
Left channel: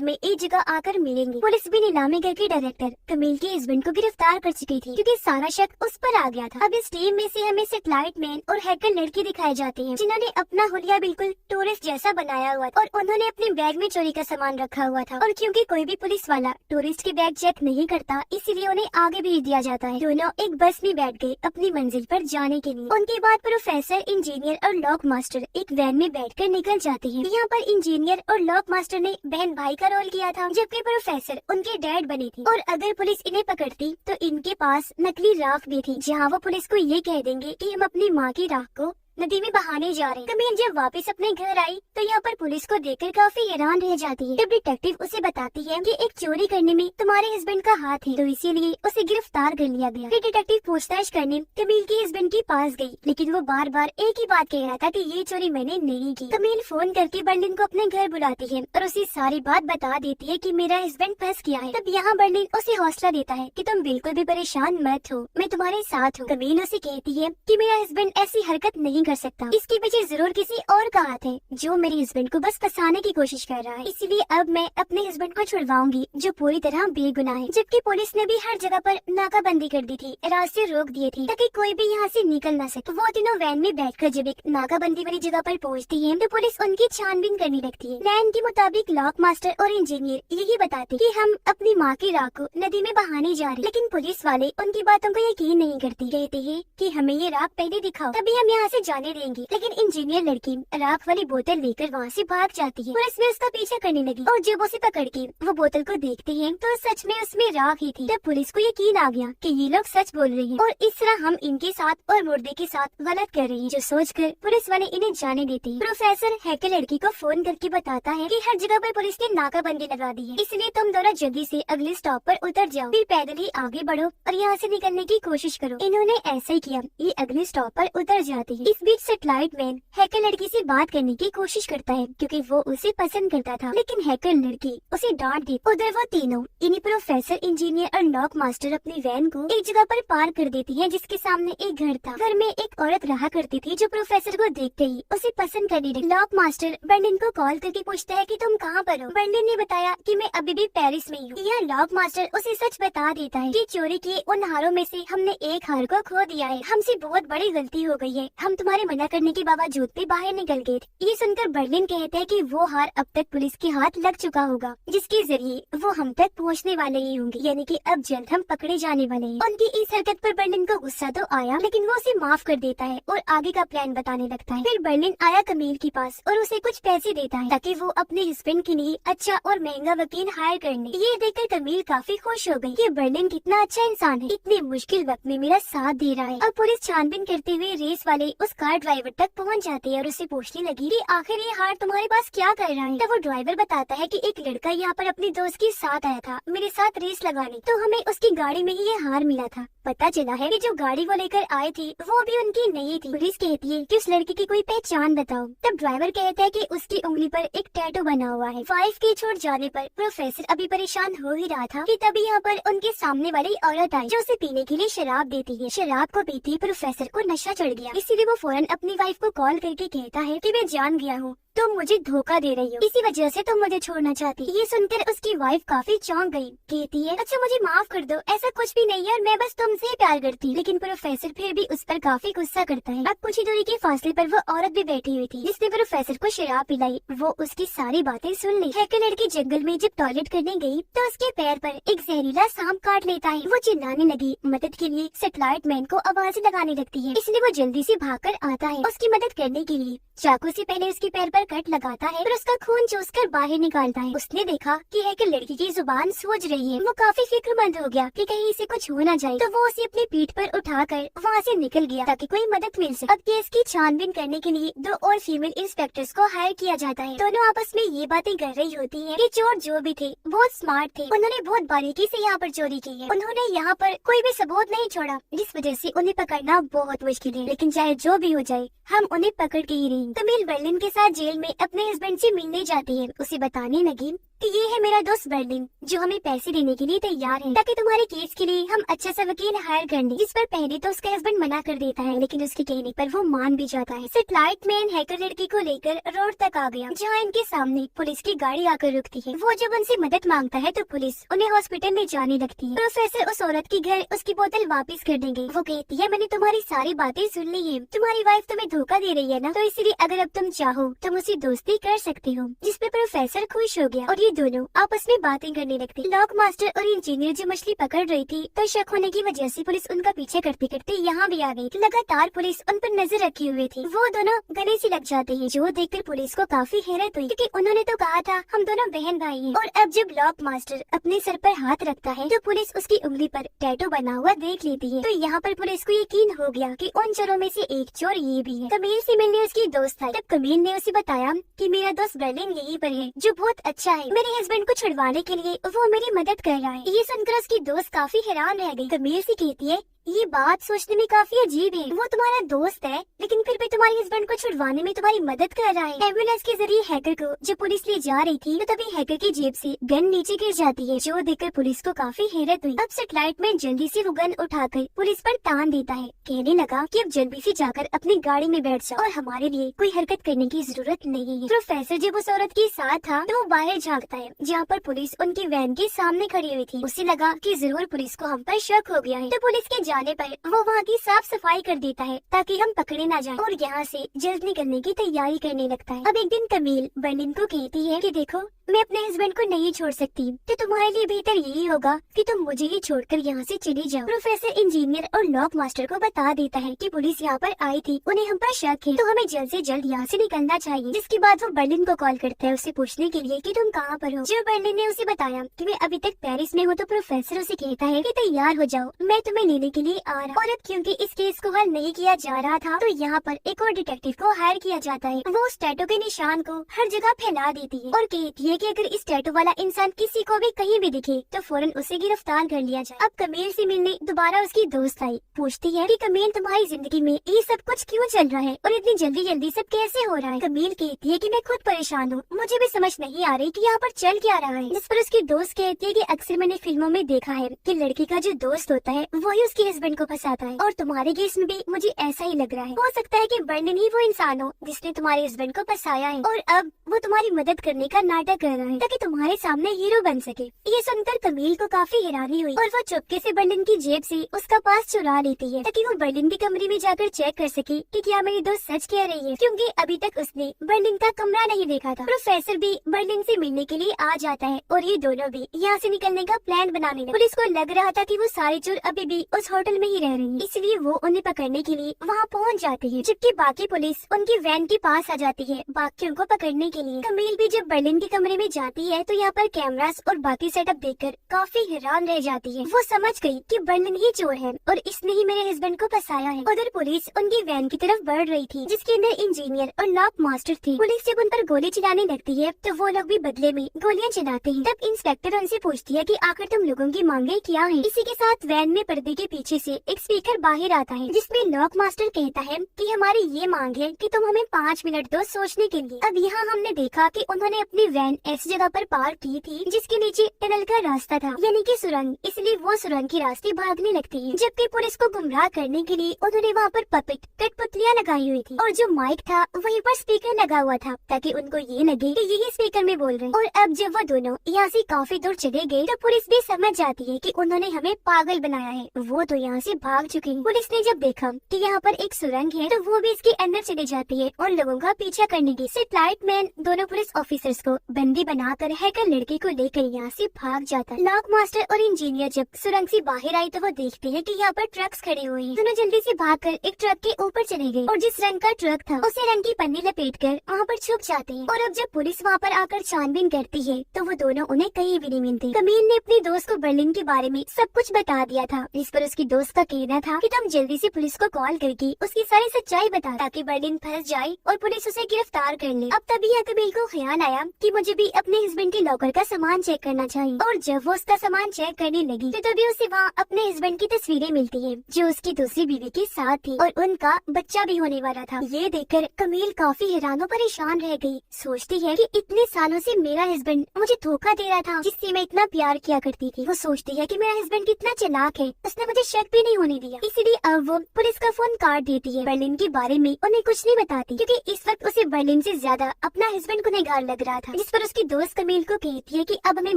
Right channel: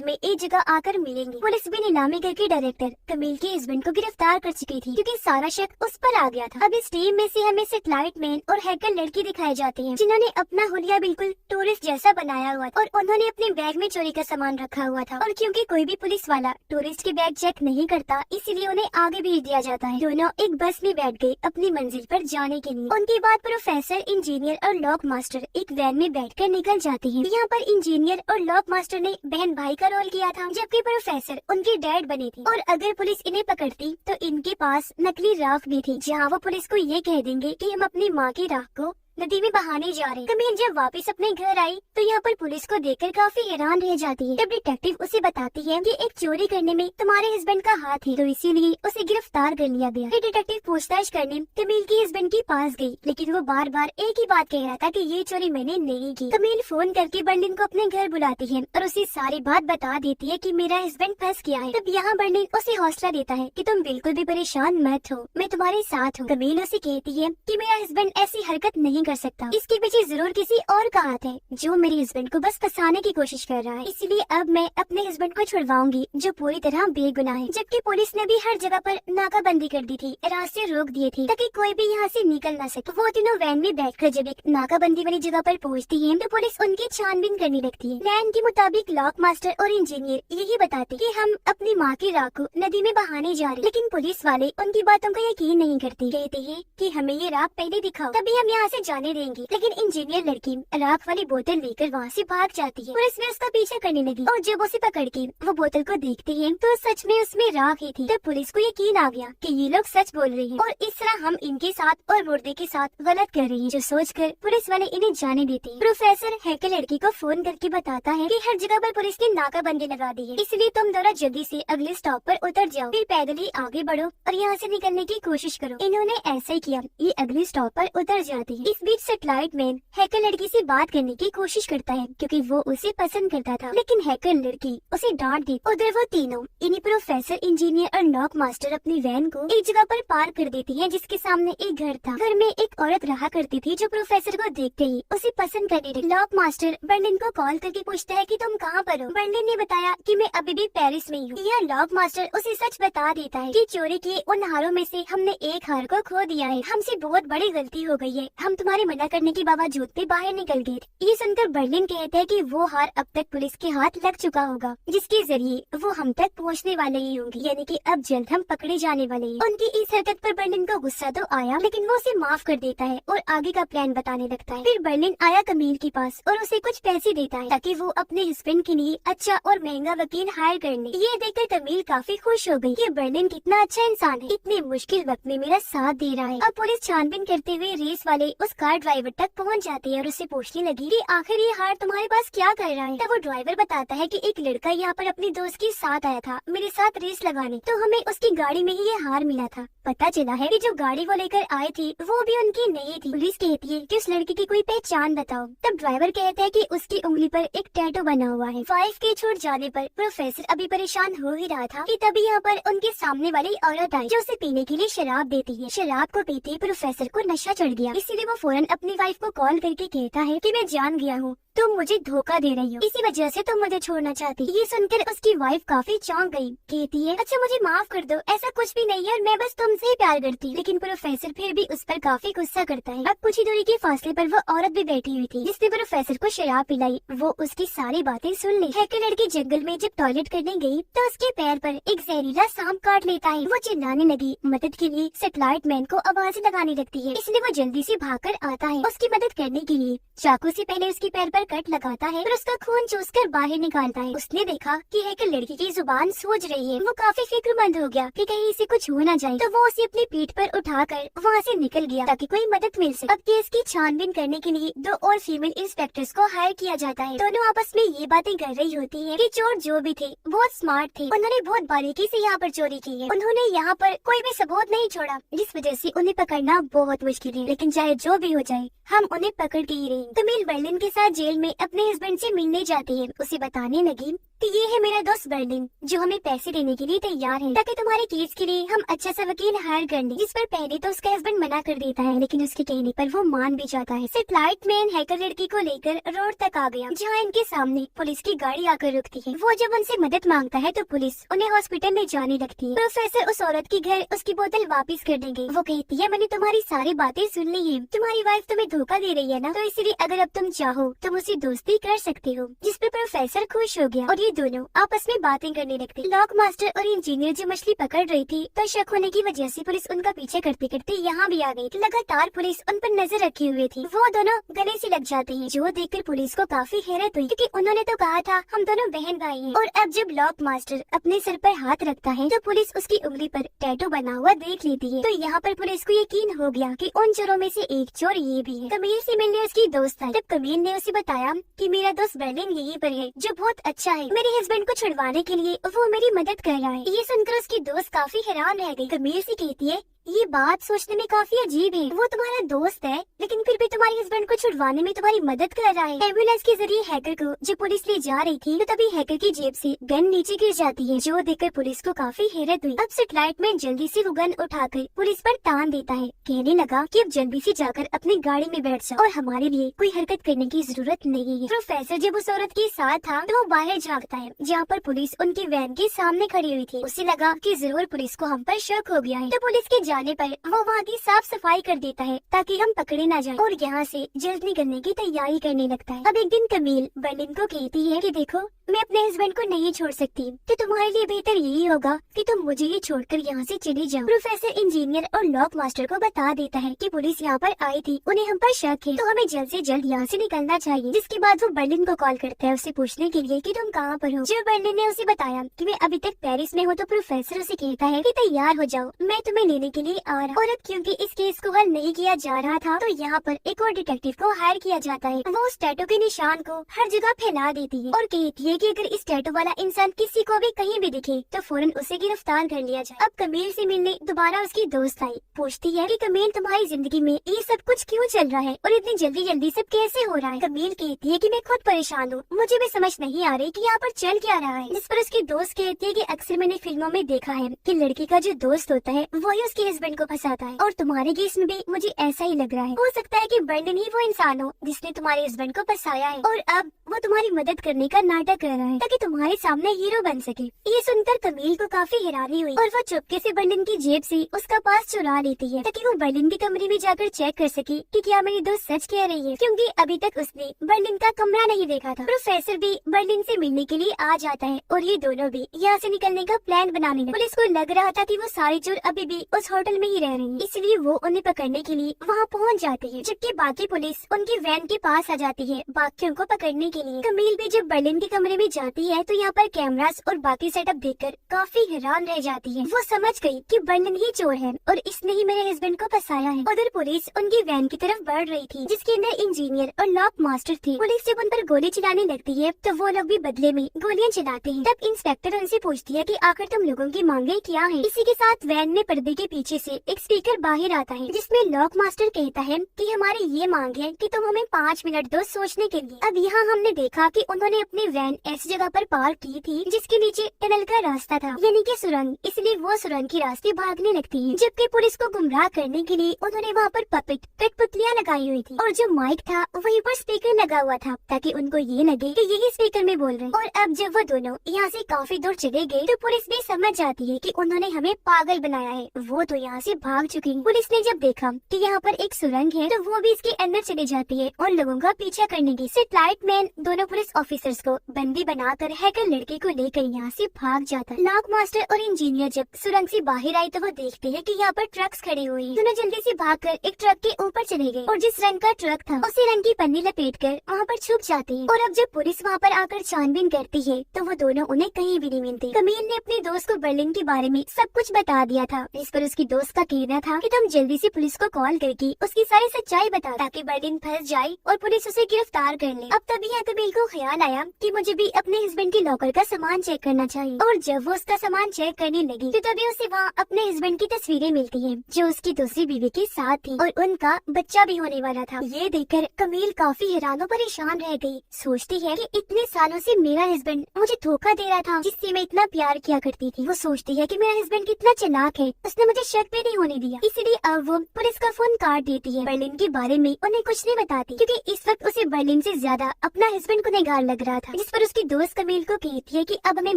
में एक जगह आकर मिलेंगे। पुलिस भी नीलामी घर के डायरेक्टर कमील के हस्बैंड को गिरफ्तार कर चुकी थी, क्योंकि सारा शक उस पर आ गया था। अब इस टीम में से हमें सैटेलाइट मैन और हैकर लड़की दिखाए जाते हैं, जिन्होंने अपना हुलिया बिल्कुल टूरिस्ट जैसा बनाया हुआ था और उन्होंने अपने बैग में चोरी का सामान रखा हुआ था। और क्योंकि कोई भी पुलिस वाला टूरिस्ट के बैग चेक नहीं करता, इसीलिए उन्हें आगे भेज दिया जाता है। दोनों एक बस में बैठ गए अपनी मंजिल पर जाने के लिए। उनके बाद प्रोफेसर, इंजीनियर और लॉक मास्टर एक वैन में बैठकर निकल जाते हैं। यहाँ पर इंजीनियर और लॉक मास्टर ने बहन भाई का रोल किया था, जबकि प्रोफेसर उनके डैड बने थे। और अगर पुलिस इन्हें पकड़ती तो इनके पास नकली राख भी थी, जहाँ वो पुलिस को ये कह देंगे कि हम अपनी माँ की राख को नदी में बहाने जा रहे। कमील जब वापस अपने घर आई तो यहाँ पर पुलिस को देखकर काफी हैरान रह जाती है। तब डिटेक्टिव उसे बताती है कि एक चोरी करने में तुम्हारे हस्बैंड का हाथ है, तो इसीलिए उसे गिरफ्तार कर लिया गया। फिर डिटेक्टिव पूछताछ करने कमील के हस्बैंड के पास गई, लेकिन वो बार बार एक ही बात कह रहा था कि ये चोरी मैंने नहीं की। कमील फोन करके बर्लिन को अपने घर बुलाती है और उसे सारी बात बता देती है कि मेरा हस्बैंड फंस गया है। तब यहाँ बर्लिन उसे हौसला देता है कि तुम बिल्कुल भी परेशान मत हो, मैं तुम्हारे साथ हूँ। कमील उसे कहती है कि मेरा हस्बैंड ऐसी हरकत नहीं कर सकता, इसके पीछे जरूर किसी और का हाथ है जो मेरे हस्बैंड को बस फंसाने की कोशिश कर रहा है। इसलिए अब मैं अपने हस्बैंड को छुड़वाऊंगी जो पूरी तरह बेगुनाह है। जबकि पुलिस ने भी हर जगह पर नाकाबंदी कर दी थी, रास्ते रोक दिए थे ताकि कोई भी यहाँ से निकल ना सके। वो तीनों वैन में बैठकर जब एक नाकाबंदी वाली जगह पर पहुँचती है तो पुलिस उनकी छानबीन करने लगती है। प्लान के मुताबिक लॉक मास्टर और इंजीनियर यही बताते कि हम अपनी माँ की राख को नदी में बहाने जा रहे, लेकिन पुलिस वाले उनकी बातों को यकीन नहीं करती। कहते हैं कि हमें ये राख पहले दिखाओ तभी हम यहाँ से जाने देंगे। लेकिन इंजीनियर लड़की राख वाली बोतल लेकर वहाँ से भाग जाती है। पुलिस ने उसका पीछा करने लगी और जब उसे पकड़ के वो बोतल को देखते हैं तो सच में उसमें राख ही थी। तब पुलिस को यकीन आ गया कि ये लोग सच बोल रहे हैं और इस तरह हम इनके साथ और मुर्दे के साथ गलत कर रही है, जो सोचकर पुलिस वाले इन्हें जाने देते हैं। प्रोफेसर हैकर लड़की को फोन करके बताता है कि हर जगह पर पुलिस ने नाकाबंदी लगा दी है, इसलिए तुम दोनों जल्दी से अगले स्टॉप पर उतर जाओ, फिर पैदल ही आगे बढ़ो और यहाँ से निकलने की कोशिश करो। इन्होंने ऐसा ही किया, ये अगले स्टॉप पर उतर जाते हैं। इस बीच सैटेलाइट मैन हैकर लड़की से बात करने की कोशिश करता है क्योंकि वो उसे पसंद करता था, लेकिन हैकर लड़की उसे डांट दी। उधर वो तीनों इन्हीं प्रोफेसर, इंजीनियर और लॉक मास्टर अपनी वैन को एक जगह पर पार्क कर देती है जिसके सामने एक घर था। घर में एक औरत रहा करती थी जो प्रोफेसर को देखते ही उसे पसंद करने लगी। लॉक मास्टर बर्लिन को कॉल करके पूछता है कि तुम कहाँ पर हो। बर्लिन ने बताया कि मैं अभी भी पेरिस में हूँ। यह लॉक मास्टर उसे सच बता देता है कि चोरी किए उन हारों में से हमने एक हार को खो दिया है, हमसे बहुत बड़ी गलती हो गई है, हम तुम्हारे मना करने के बावजूद भी बाहर निकल गए थे। ये सुनकर बर्लिन कहता है कि वो हार अब तक पुलिस के हाथ लग चुका होगा, जिसके जरिए वो हम तक पहुंचने वाले ही होंगे, यानी कि अब जल्द हम पकड़े जाने वाले हैं। उनकी इस हरकत पर बर्लिन को गुस्सा तो आया, लेकिन वो उसे माफ कर देता है और आगे का प्लान बताने लगता है। फिर बर्लिन आया कमील के पास और उसे कुछ पैसे देता है ताकि वो अपने हस्बैंड के लिए अच्छा और महंगा वकील हायर कर ले। ये देखकर कमील काफी खुश हो गई कि बर्लिन कितना अच्छा इंसान है, इतने मुश्किल वक्त में मेरा साथ दे रहा है। अब पुलिस छानबीन करते हुए रेस वाले उस कार ड्राइवर तक पहुंच जाते हैं और उसे पूछने लगी कि आखिर ये हार तुम्हारे पास क्या कर रहा है। तो वो ड्राइवर बताता है कि एक लड़का यहाँ पर अपने दोस्त के साथ आया था मेरे साथ रेस लगाने, तो हमें उसकी गाड़ी में ही ये हार मिला था। पता चला है कि जो गाड़ी वो लेकर आए थे वो भी उनकी नहीं थी। पुलिस कहती है कि उस लड़के की कोई पहचान बताओ। तब ड्राइवर कहता है कि उसकी उंगली पर एक टैटू बना हुआ है। 5K छोड़ जाने पर प्रोफेसर अभी परेशान हो ही रहा था कि तभी यहाँ पर उनके सामने वाली औरत आई जो उसे पीने के लिए शराब देती है। शराब को पीते प्रोफेसर को नशा चढ़ गया, इसीलिए वो फौरन अपनी वाइफ को कॉल करके कहता है कि मैं जान गया हूँ, तुम मुझे धोखा दे रही हो, इसी वजह से तुम मुझे छोड़ना चाहती। ये सुनकर उसकी वाइफ काफी चौंक गई। कहती है अच्छा मुझे माफ कर दो, ऐसा कुछ भी नहीं है और मैं बस तुमसे ही प्यार करती। लेकिन प्रोफेसर फिर भी उस पर काफी गुस्सा करता है। अब कुछ ही दूरी के फासले पर वो औरत भी बैठी हुई थी जिसने प्रोफेसर को शराब पिलाई। वो उसकी सारी बातें सुन ली। हैकर लड़की जंगल में जब टॉयलेट करने गई तो उसके पैर पर एक जहरीला सांप काट लेता है। वो चिल्लाने लगी। मदद के लिए सैटेलाइट मैन को आवाज़ें लगाने लगती है। इसलिए वो जल्दी से भागकर आता है उसकी मदद करने के लिए। चाकू से पहले उसके पैर पर कट लगाता है, फिर उसका खून चूसकर बाहर निकालता है। उसने देखा कि हैकर लड़की की जुबान सूज रही है। वो काफी फिक्रमंद हो गया कि कहीं इसे कुछ हो न जाए, तो वो उसे अपनी पीठ पर उठाकर वहाँ से निकल गया ताकि कोई मदद मिल सके। अब केस की छानबीन करने के लिए 2 और फीमेल इंस्पेक्टर्स को हायर किया जाता है। दोनों आपस में ये बातें कर रही होती है कि चोर जो भी थे बहुत स्मार्ट थे। उन्होंने बहुत बारीकी से यहाँ पर चोरी की है। उन्होंने यहाँ पर कोई भी सबूत नहीं छोड़ा, जिस वजह से उन्हें पकड़ना बहुत मुश्किल है। लेकिन चाहे जो भी हो जाए हम उन्हें पकड़ के ही रहेंगे। कमील बर्लिन के साथ जेल में अपने हस्बैंड से मिलने जाती है। उसे बताने लगी कि ये है मेरा दोस्त बर्लिन जो हमें पैसे देने के लिए तैयार है ताकि तुम्हारे केस के लिए हम अच्छा सा वकील हायर कर लें। जिस पर पहले तो उसका हस्बैंड मना कर देता है, लेकिन उसके कहने पर वो मान भी जाता है। सैटेलाइट मैन हैकर लड़की को लेकर रोड तक आ गया जहाँ इनके सामने पुलिस की गाड़ी आकर रुकती है। वो जब उनसे मदद मांगता है तो पुलिस उन्हें हॉस्पिटल ले जाने लगती है। प्रोफेसर उस औरत के घर उसकी बोतल वापस कर देंगे। वो कहती है मैंने तुम्हारी सारी बातें सुन ली है, तुम्हारी वाइफ तुम्हें धोखा दे रही है ना, तो इसलिए अगर अब तुम चाहो तुम उसे दोस्ती कर सकते हो। जिस पे प्रोफेसर खुश हो गया और ये दोनों आपस में बातें करने लगते। लॉक मास्टर और इंजीनियर जो मछली पकड़ रही थी तो शक होने की वजह से पुलिस उनका पीछे करते करते यहाँ भी आ गई। लगातार पुलिस उन पर नजर रखी हुई थी। वो दोनों गले से लग जाते हैं जो देखकर पुलिस को काफी हैरत हुई क्योंकि उन्होंने तो कहा था हम दोनों बहन भाई हैं। और अब जब लॉक मास्टर अपने सर पर हाथ रखता है तो पुलिस उसकी उंगली पर टैटू बना हुआ देख लेती है। तो यहाँ पर पुलिस को यकीन हो गया कि उन चोरों में से एक चोर ये भी है। कमील से मिलने उसकी दोस्त आई। तब कमील ने उसे बताया कि मेरा दोस्त बर्लिन यहीं पर है जो बहुत अच्छा है, मेरे हस्बैंड को छुड़वाने के लिए वो मेरी मदद कर रहा है। ये सुनकर उसकी दोस्त काफी हैरान रह गई। कमील से कहती है ये बात सोचने में काफी अजीब है, वो तुम्हारा दोस्त है लेकिन फिर भी तुम्हारे हस्बैंड को छुड़वाने में तुम्हारी मदद कर रहा है। एम्बुलेंस के जरिए हैकर को जब पुलिस ले जा रही थी तो तभी हैकर की जेब से गन नीचे गिर जाती है जो देखकर पुलिस को काफी हैरत हुई। अब सैटेलाइट मैन जल्दी से वो गन उठाकर पुलिस पर तान देता है। कहने लगा कि अब जल्दी से जाकर अपनी गाड़ी में बैठ जाओ और हमारे लिए कोई हरकत करने की जरूरत नहीं है। प्रोफेसर जब उस औरत के साथ था तो वो बाहर झाँकता है जहाँ पर पुलिस उनकी वैन के सामने खड़ी हुई थी। उसे लगा कि जरूर पुलिस को हम पर शक हो गया है, तो पुलिस के जाने पर वो वहाँ की साफ सफाई कर देता है ताकि हम पकड़े न जाएं और यहाँ से जल्द निकलने की तैयारी करने लगता है। अब एक दिन कमील बर्लिन को कहती है कि देखो मैं अपने हस्बैंड को नहीं छोड़ सकती, तो तुम्हारे लिए बेहतर यही होगा कि तुम मुझे ही छोड़कर यहाँ से चली जाओ। प्रोफेसर इंजीनियर और लॉक मास्टर को बता देता है कि पुलिस यहाँ पर आई थी, उन्हें हम पर शक है, तो हमें जल्द से जल्द यहाँ से निकलना चाहिए। जिसके बाद वो बर्लिन को कॉल करता है उसे पूछने के लिए कि तुम कहाँ पर हो। जब बर्लिन ने उसे बताया कि मैं अभी तक पेरिस में हूँ तो प्रोफेसर उसे कहता है कि तैयार हो जाओ, मैं तुम्हें लेने के लिए आ रहा। और अब क्योंकि इस केस को हल नहीं किया जा रहा था तो यहाँ पर एक और डिटेक्टिव को हायर किया जाता है। वो उस टैटू के निशान को हर जगह फैला देती है और कहती है कि अगर इस टैटू वाला इंसान किसी को भी कहीं भी दिखे तो फौरन उसे गिरफ्तार कर लिया जाए। अब कमील से मिलने दोबारा उसकी दोस्त आई। पूछती है कि कमील तुम्हारी जिंदगी में ये सब कुछ क्यों चल रहा है और इतनी जल्दी जल्दी सब कैसे हो रहा है। कमील कहती है कि मैं खुद परेशान हूँ, मुझे भी समझ नहीं आ रही कि यहाँ पर चल क्या रहा है। जिस पर उसकी दोस्त कहती है कि अक्सर मैंने फिल्मों में देखा है कि लड़की का जो दोस्त होता है वही उसके हस्बैंड को फंसाता है और तुम्हारे केस में भी मुझे ऐसा ही लग रहा है। हो सकता है कि बर्लिन ही वो इंसान हो जिसने तुम्हारे हस्बैंड को फंसाया है और अब वो तुम्हारी मदद करने का नाटक कर रहा है ताकि तुम्हारे सामने हीरो बन सके। ये सुनकर कमील को काफी हैरानी हुई और वो चुपके से बर्लिन की जेब से उसका पास चुरा लेती है ताकि वो बर्लिन के कमरे में जाकर चेक कर सके कि क्या मेरी दोस्त सच कह रही है, क्योंकि अभी तक उसने बर्लिन का कमरा नहीं देखा था। प्रोफेसर भी बर्लिन से मिलने के लिए आ जाता है और ये दोनों भी यहाँ से निकलने का प्लान बनाने लगे। पुलिस को लग रहा था कि वो सारे चोर अभी भी उस होटल में ही रह रहे हैं, इसलिए वो उन्हें पकड़ने के लिए वहाँ पहुँच जाते हैं, जबकि बाकी पुलिस उनकी वैन के पास आ जाती है बाकियों को पकड़ने के लिए। कमील भी जब बर्लिन के कमरे में जाती है तो यहाँ पर कैमरास और बाकी सेटअप देखकर काफी हैरान रह जाती है। वो समझ गई कि बर्लिन ही चोर है और इसने ही मेरे हस्बैंड को फंसाया है। उधर पुलिस उनकी वैन की तरफ बढ़ रही थी जिसके अंदर इंजीनियर और लॉक मास्टर थे। पुलिस जब उन पर गोली चलाने लगती है तो वो लोग भी बदले में गोलियां चलाते हैं। तब इंस्पेक्टर उनसे पूछती है कि आखिर तुम लोगों की मांगे क्या है। इसी के साथ वैन में पर्दे के पीछे से एक स्पीकर बाहर आता है जिसमें लॉक मास्टर कहता है कि हमारी ये मांग है कि तुम हमें 5 मिनट दो सोचने के लिए। अब यहाँ हमने देखा कि उन्होंने अपनी वैन ऐसी जगह पर पार्क की थी जिसके नीचे टनल का रास्ता था, यानी कि सुरंग, इसलिए वो सुरंग के रास्ते भागने लगती है। जबकि पुलिस को गुमराह करने के लिए उन्होंने वहाँ पर पपेट कठपुतलियाँ लगाई हुई थी और जो माइक था वहीं पर स्पीकर लगा हुआ था ताकि उनको ये लगे कि यही स्पीकर में बोल रहे हैं। और अब जब वो दोनों यहाँ से काफी दूर चले गए तो पुलिस भी समझ जाती है कि उन्होंने हमें पागल बनाया है। वो तो यहाँ से भाग चुके हैं। पुलिस ने जब देखा कि यहाँ पर एक सुरंग है तो वो भी इसके अंदर चली जाती है और लोगों का पीछा करने की। सेटेलाइट मैन दोनों पुलिस ऑफिसर्स को बंदी बनाकर हैकर लड़के को लेकर यहाँ से भाग जाता है। लॉक मास्टर और इंजीनियर जब सुरंग से बाहर आए तो वो देखते हैं कि यहाँ पर ट्रक्स खड़े हुए हैं। दोनों जल्दी से भागकर एक ट्रक के ऊपर चले गए और जिस रंग का ट्रक था उसे रंग की पन्नी लपेटकर वहाँ पर छुप जाते हैं। और अब जब पुलिस वहाँ पर आकर छानबीन करती है तो वो दोनों उन्हें कहीं भी नहीं मिलते। कमील ने अपने दोस्त को बर्लिन के बारे में सब कुछ बता दिया था, जिस पर उसकी दोस्त का कहना था कि तुम जल्दी से पुलिस को कॉल करके उसकी सारी सच्चाई बता ताकि बर्लिन फंस जाए और पुलिस उसे गिरफ्तार कर ले। अब तभी यहाँ कमील को ख्याल आया कि मुझे भी अपने हस्बैंड के लॉकर का सामान चेक करना चाहिए। और जब वो उसका सामान चेक करने लगी तो तभी उसे वहाँ अपने हस्बैंड की तस्वीरें मिलती है जो उसकी दूसरी बीवी के साथ थी और उनका बच्चा भी होने वाला था। ये देखकर कमील काफी हैरान और परेशान रह गई। सोचती है कि इतने सालों से मेरा हस्बैंड मुझे धोखा दे रहा था जिससे मैं इतना प्यार किया करती थी। वो सोचती है कि मेरा हस्बैंड कितना चालाक है, उसने मुझे शक भी नहीं होने दिया। इसलिए अब वो पुलिस का फोन काट देती है। बर्लिन के बारे में उन्हें कुछ नहीं बताती क्योंकि इस वक्त उसे बर्लिन से ज्यादा अपना हस्बैंड गुनहगार लग रहा था। जिस पर उसकी दोस्त कमील को कहती है कि अब हमें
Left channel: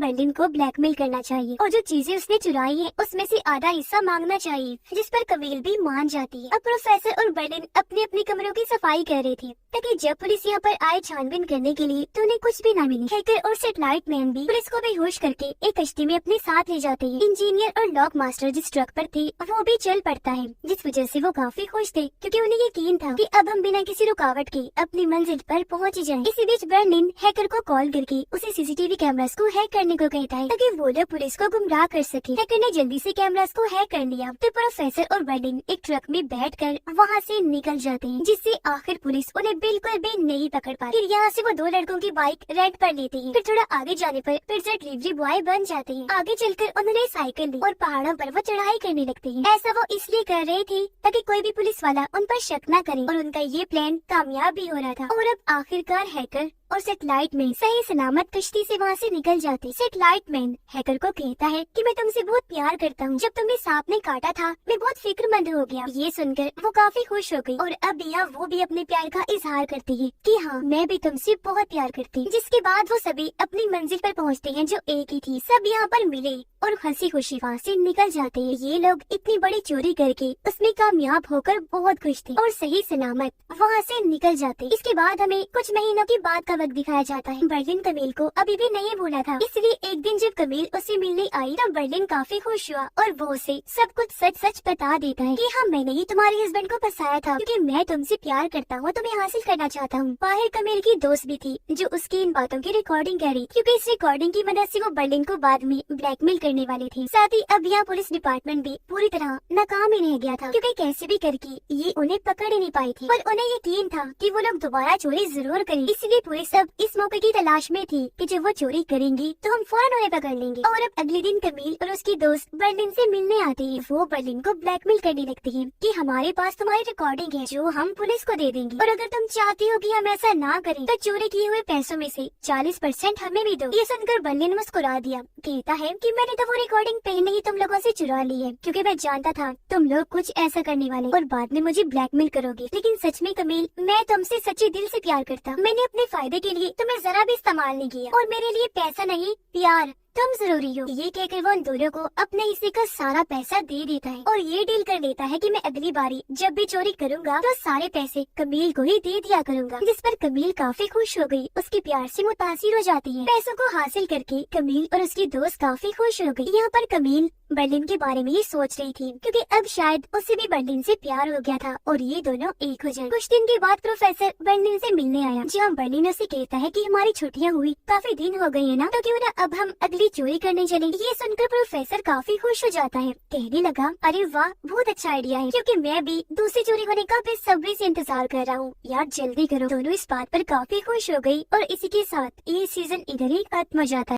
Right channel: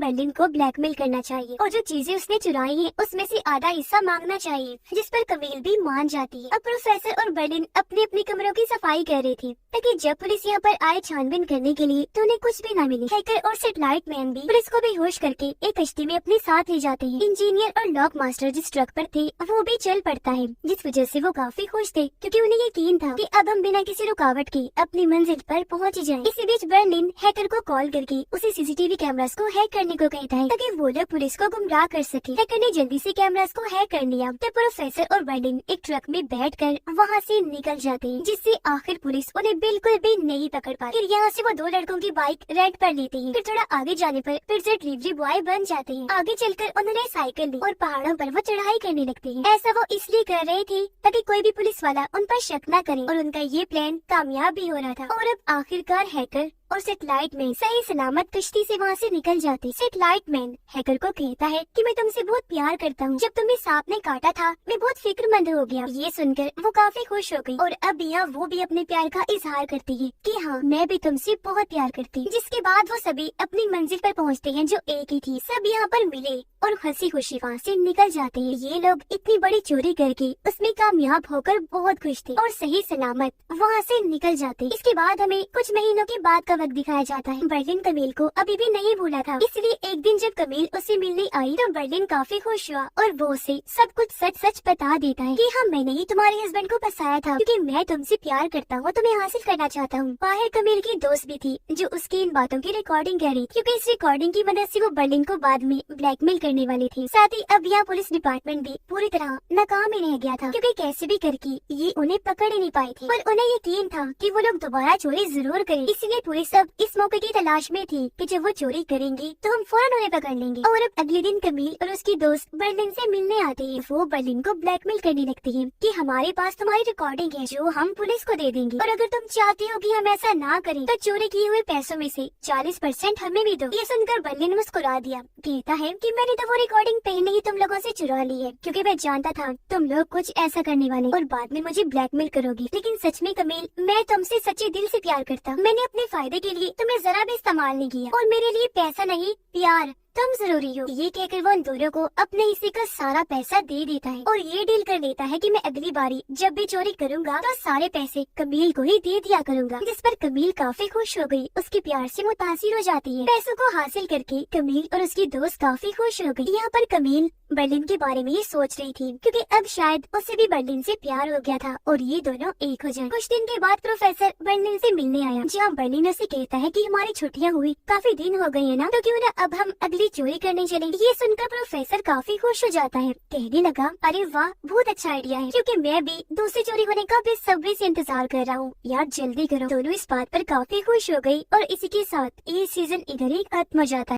बर्लिन को ब्लैकमेल करना चाहिए और जो चीजें उसने चुराई है उसमें से आधा हिस्सा मांगना चाहिए, जिस पर कमील भी मान जाती है। अब प्रोफेसर और बर्लिन अपने अपने कमरों की सफाई कर रही थी ताकि जब पुलिस यहाँ पर आए छानबीन करने के लिए तो उन्हें कुछ भी न मिले। हैकर और सेटेलाइट मैन भी पुलिस को बेहोश करके एक कश्ती में अपने साथ ले जाते हैं। इंजीनियर और लॉक मास्टर जिस ट्रक पर थे वो भी चल पड़ता है, जिस वजह से वो काफी खुश थे क्योंकि उन्हें यकीन था कि अब हम बिना किसी रुकावट के अपनी मंजिल पर पहुंच जाएं। इसी बीच बर्लिन हैकर को कॉल करके उसे सीसीटीवी कैमरास को हैक करने को कहता है ताकि वो लोग पुलिस को गुमराह कर सके। हैकर ने जल्दी से कैमरास को हैक कर लिया तो प्रोफेसर और बर्लिन एक ट्रक में बैठकर वहाँ से निकल जाते हैं, जिससे आखिर पुलिस उन्हें बिल्कुल भी नहीं पकड़ पाती। फिर यहाँ से वो दो लड़कों की बाइक रेंट पर लेते हैं। फिर थोड़ा आगे जाने पर फिर से डिलीवरी बॉय बन जाते हैं। आगे चलकर उन्होंने साइकिल ली और पहाड़ों पर वो चढ़ाई करने लगते हैं। ऐसा वो इसलिए कर रही थी ताकि कोई भी पुलिस वाला उन पर शक न करे और उनका ये प्लान कामयाब भी हो रहा था। और अब आखिरकार हैकर और सेटेलाइट मैन सही सलामत कश्ती से वहाँ से निकल जाते। सेटेलाइट मैन हैकर को कहता है कि मैं तुमसे बहुत प्यार करता हूँ, जब तुम्हें सांप ने काटा था मैं बहुत फिक्रमंद हो गया। ये सुनकर वो काफी खुश हो गई और अब यहाँ वो भी अपने प्यार का इजहार करती है कि हाँ मैं भी तुमसे बहुत प्यार करती हूँ। जिसके बाद वो सभी अपनी मंजिल पर पहुँचते हैं जो एक ही थी। सब यहाँ पर मिले और हंसी खुशी वहाँ से निकल जाते हैं। ये लोग इतनी बड़ी चोरी करके उसमें कामयाब होकर बहुत खुश थे और सही सलामत वहाँ से निकल जाते। इसके बाद हमें कुछ महीनों के बाद का वक्त दिखाया जाता है। बर्लिन कमील को अभी भी नहीं भूला था, इसलिए एक दिन जब कमील उसे मिलने आई तो बर्लिन काफी खुश हुआ और वो उसे सब कुछ सच सच बता देता है कि हाँ मैंने ही तुम्हारे हस्बैंड को फंसाया था क्योंकि मैं तुमसे प्यार करता हूँ, तुम्हें हासिल करना चाहता हूँ। बाहर कमील की दोस्त भी थी जो उसकी इन बातों की रिकॉर्डिंग कर रही थी क्योंकि इस रिकॉर्डिंग की मदद से वो बर्लिन को बाद में ब्लैकमेल करने वाली थी। साथ ही अब यहाँ पुलिस डिपार्टमेंट भी पूरी तरह नाकाम ही रह गया था क्योंकि कैसे भी करके ये उन्हें पकड़ ही नहीं पाई थी और उन्हें यकीन था कि वो लोग दोबारा चोरी जरूर करें। इसलिए पुलिस अब इस मौके की तलाश में थी कि जब वो चोरी करेंगी तो हम फौरन उन्हें पकड़ लेंगे। और अब अगले दिन कमील और उसकी दोस्त बर्लिन से मिलने आते हैं। वो बर्लिन को ब्लैकमेल करने लगती है कि हमारे पास तुम्हारी रिकॉर्डिंग है जो हम पुलिस को दे देंगे और अगर तुम चाहती हो कि हम ऐसा ना करें तो चोरी किए हुए पैसों में से 40% हमें भी दो। ये सुनकर बर्लिन मुस्कुरा दिया, कहता है कि मैंने तो वो रिकॉर्डिंग पहले ही तुम लोगों से चुरा ली है क्योंकि मैं जानता था तुम लोग कुछ ऐसा करने वाले और बाद में मुझे ब्लैकमेल करोगे। लेकिन सच में कमील मैं तुमसे सच्चे दिल से प्यार करता हूँ। मैंने अपने फायदे के लिए तुम्हें जरा भी इस्तेमाल नहीं किया और मेरे लिए पैसा नहीं प्यार तुम जरूरी हो। ये कहकर वो उन दोनों को अपने हिस्से का सारा पैसा दे देता है और ये डील कर लेता है कि मैं अगली बारी जब भी चोरी करूंगा तो सारे पैसे कमील को ही दे दिया करूंगा। जिस पर कमील काफी खुश हो गई, उसके प्यार से मुतासिर हो जाती है। पैसों को हासिल करके कमील और उसकी दोस्त काफी खुश हो गई। यहाँ पर कमील बर्लिन के बारे में ही सोच रही थी क्योंकि अब शायद उसे भी बर्लिन से प्यार हो गया था और ये दोनों एक हो जाएं। कुछ दिन के बाद प्रोफेसर बर्लिन से मिलने आया जहाँ बर्लिन उसे कहता है कि हमारी छुट्टियाँ हुई काफी दिन हो गए हैं ना, तो क्यों ना अब हम अगली चोरी करने चले। ये सुनकर प्रोफेसर काफी खुश हो जाता है, कहने लगा अरे वाह बहुत अच्छा आइडिया है क्योंकि मैं भी दूसरी चोरी होने का बेसब्री से इंतजार कर रहा हूँ। यार जल्दी करो। दोनों इस बात पर काफी खुश हो गई और इसी के साथ ये सीजन इधर ही खत्म हो जाता है।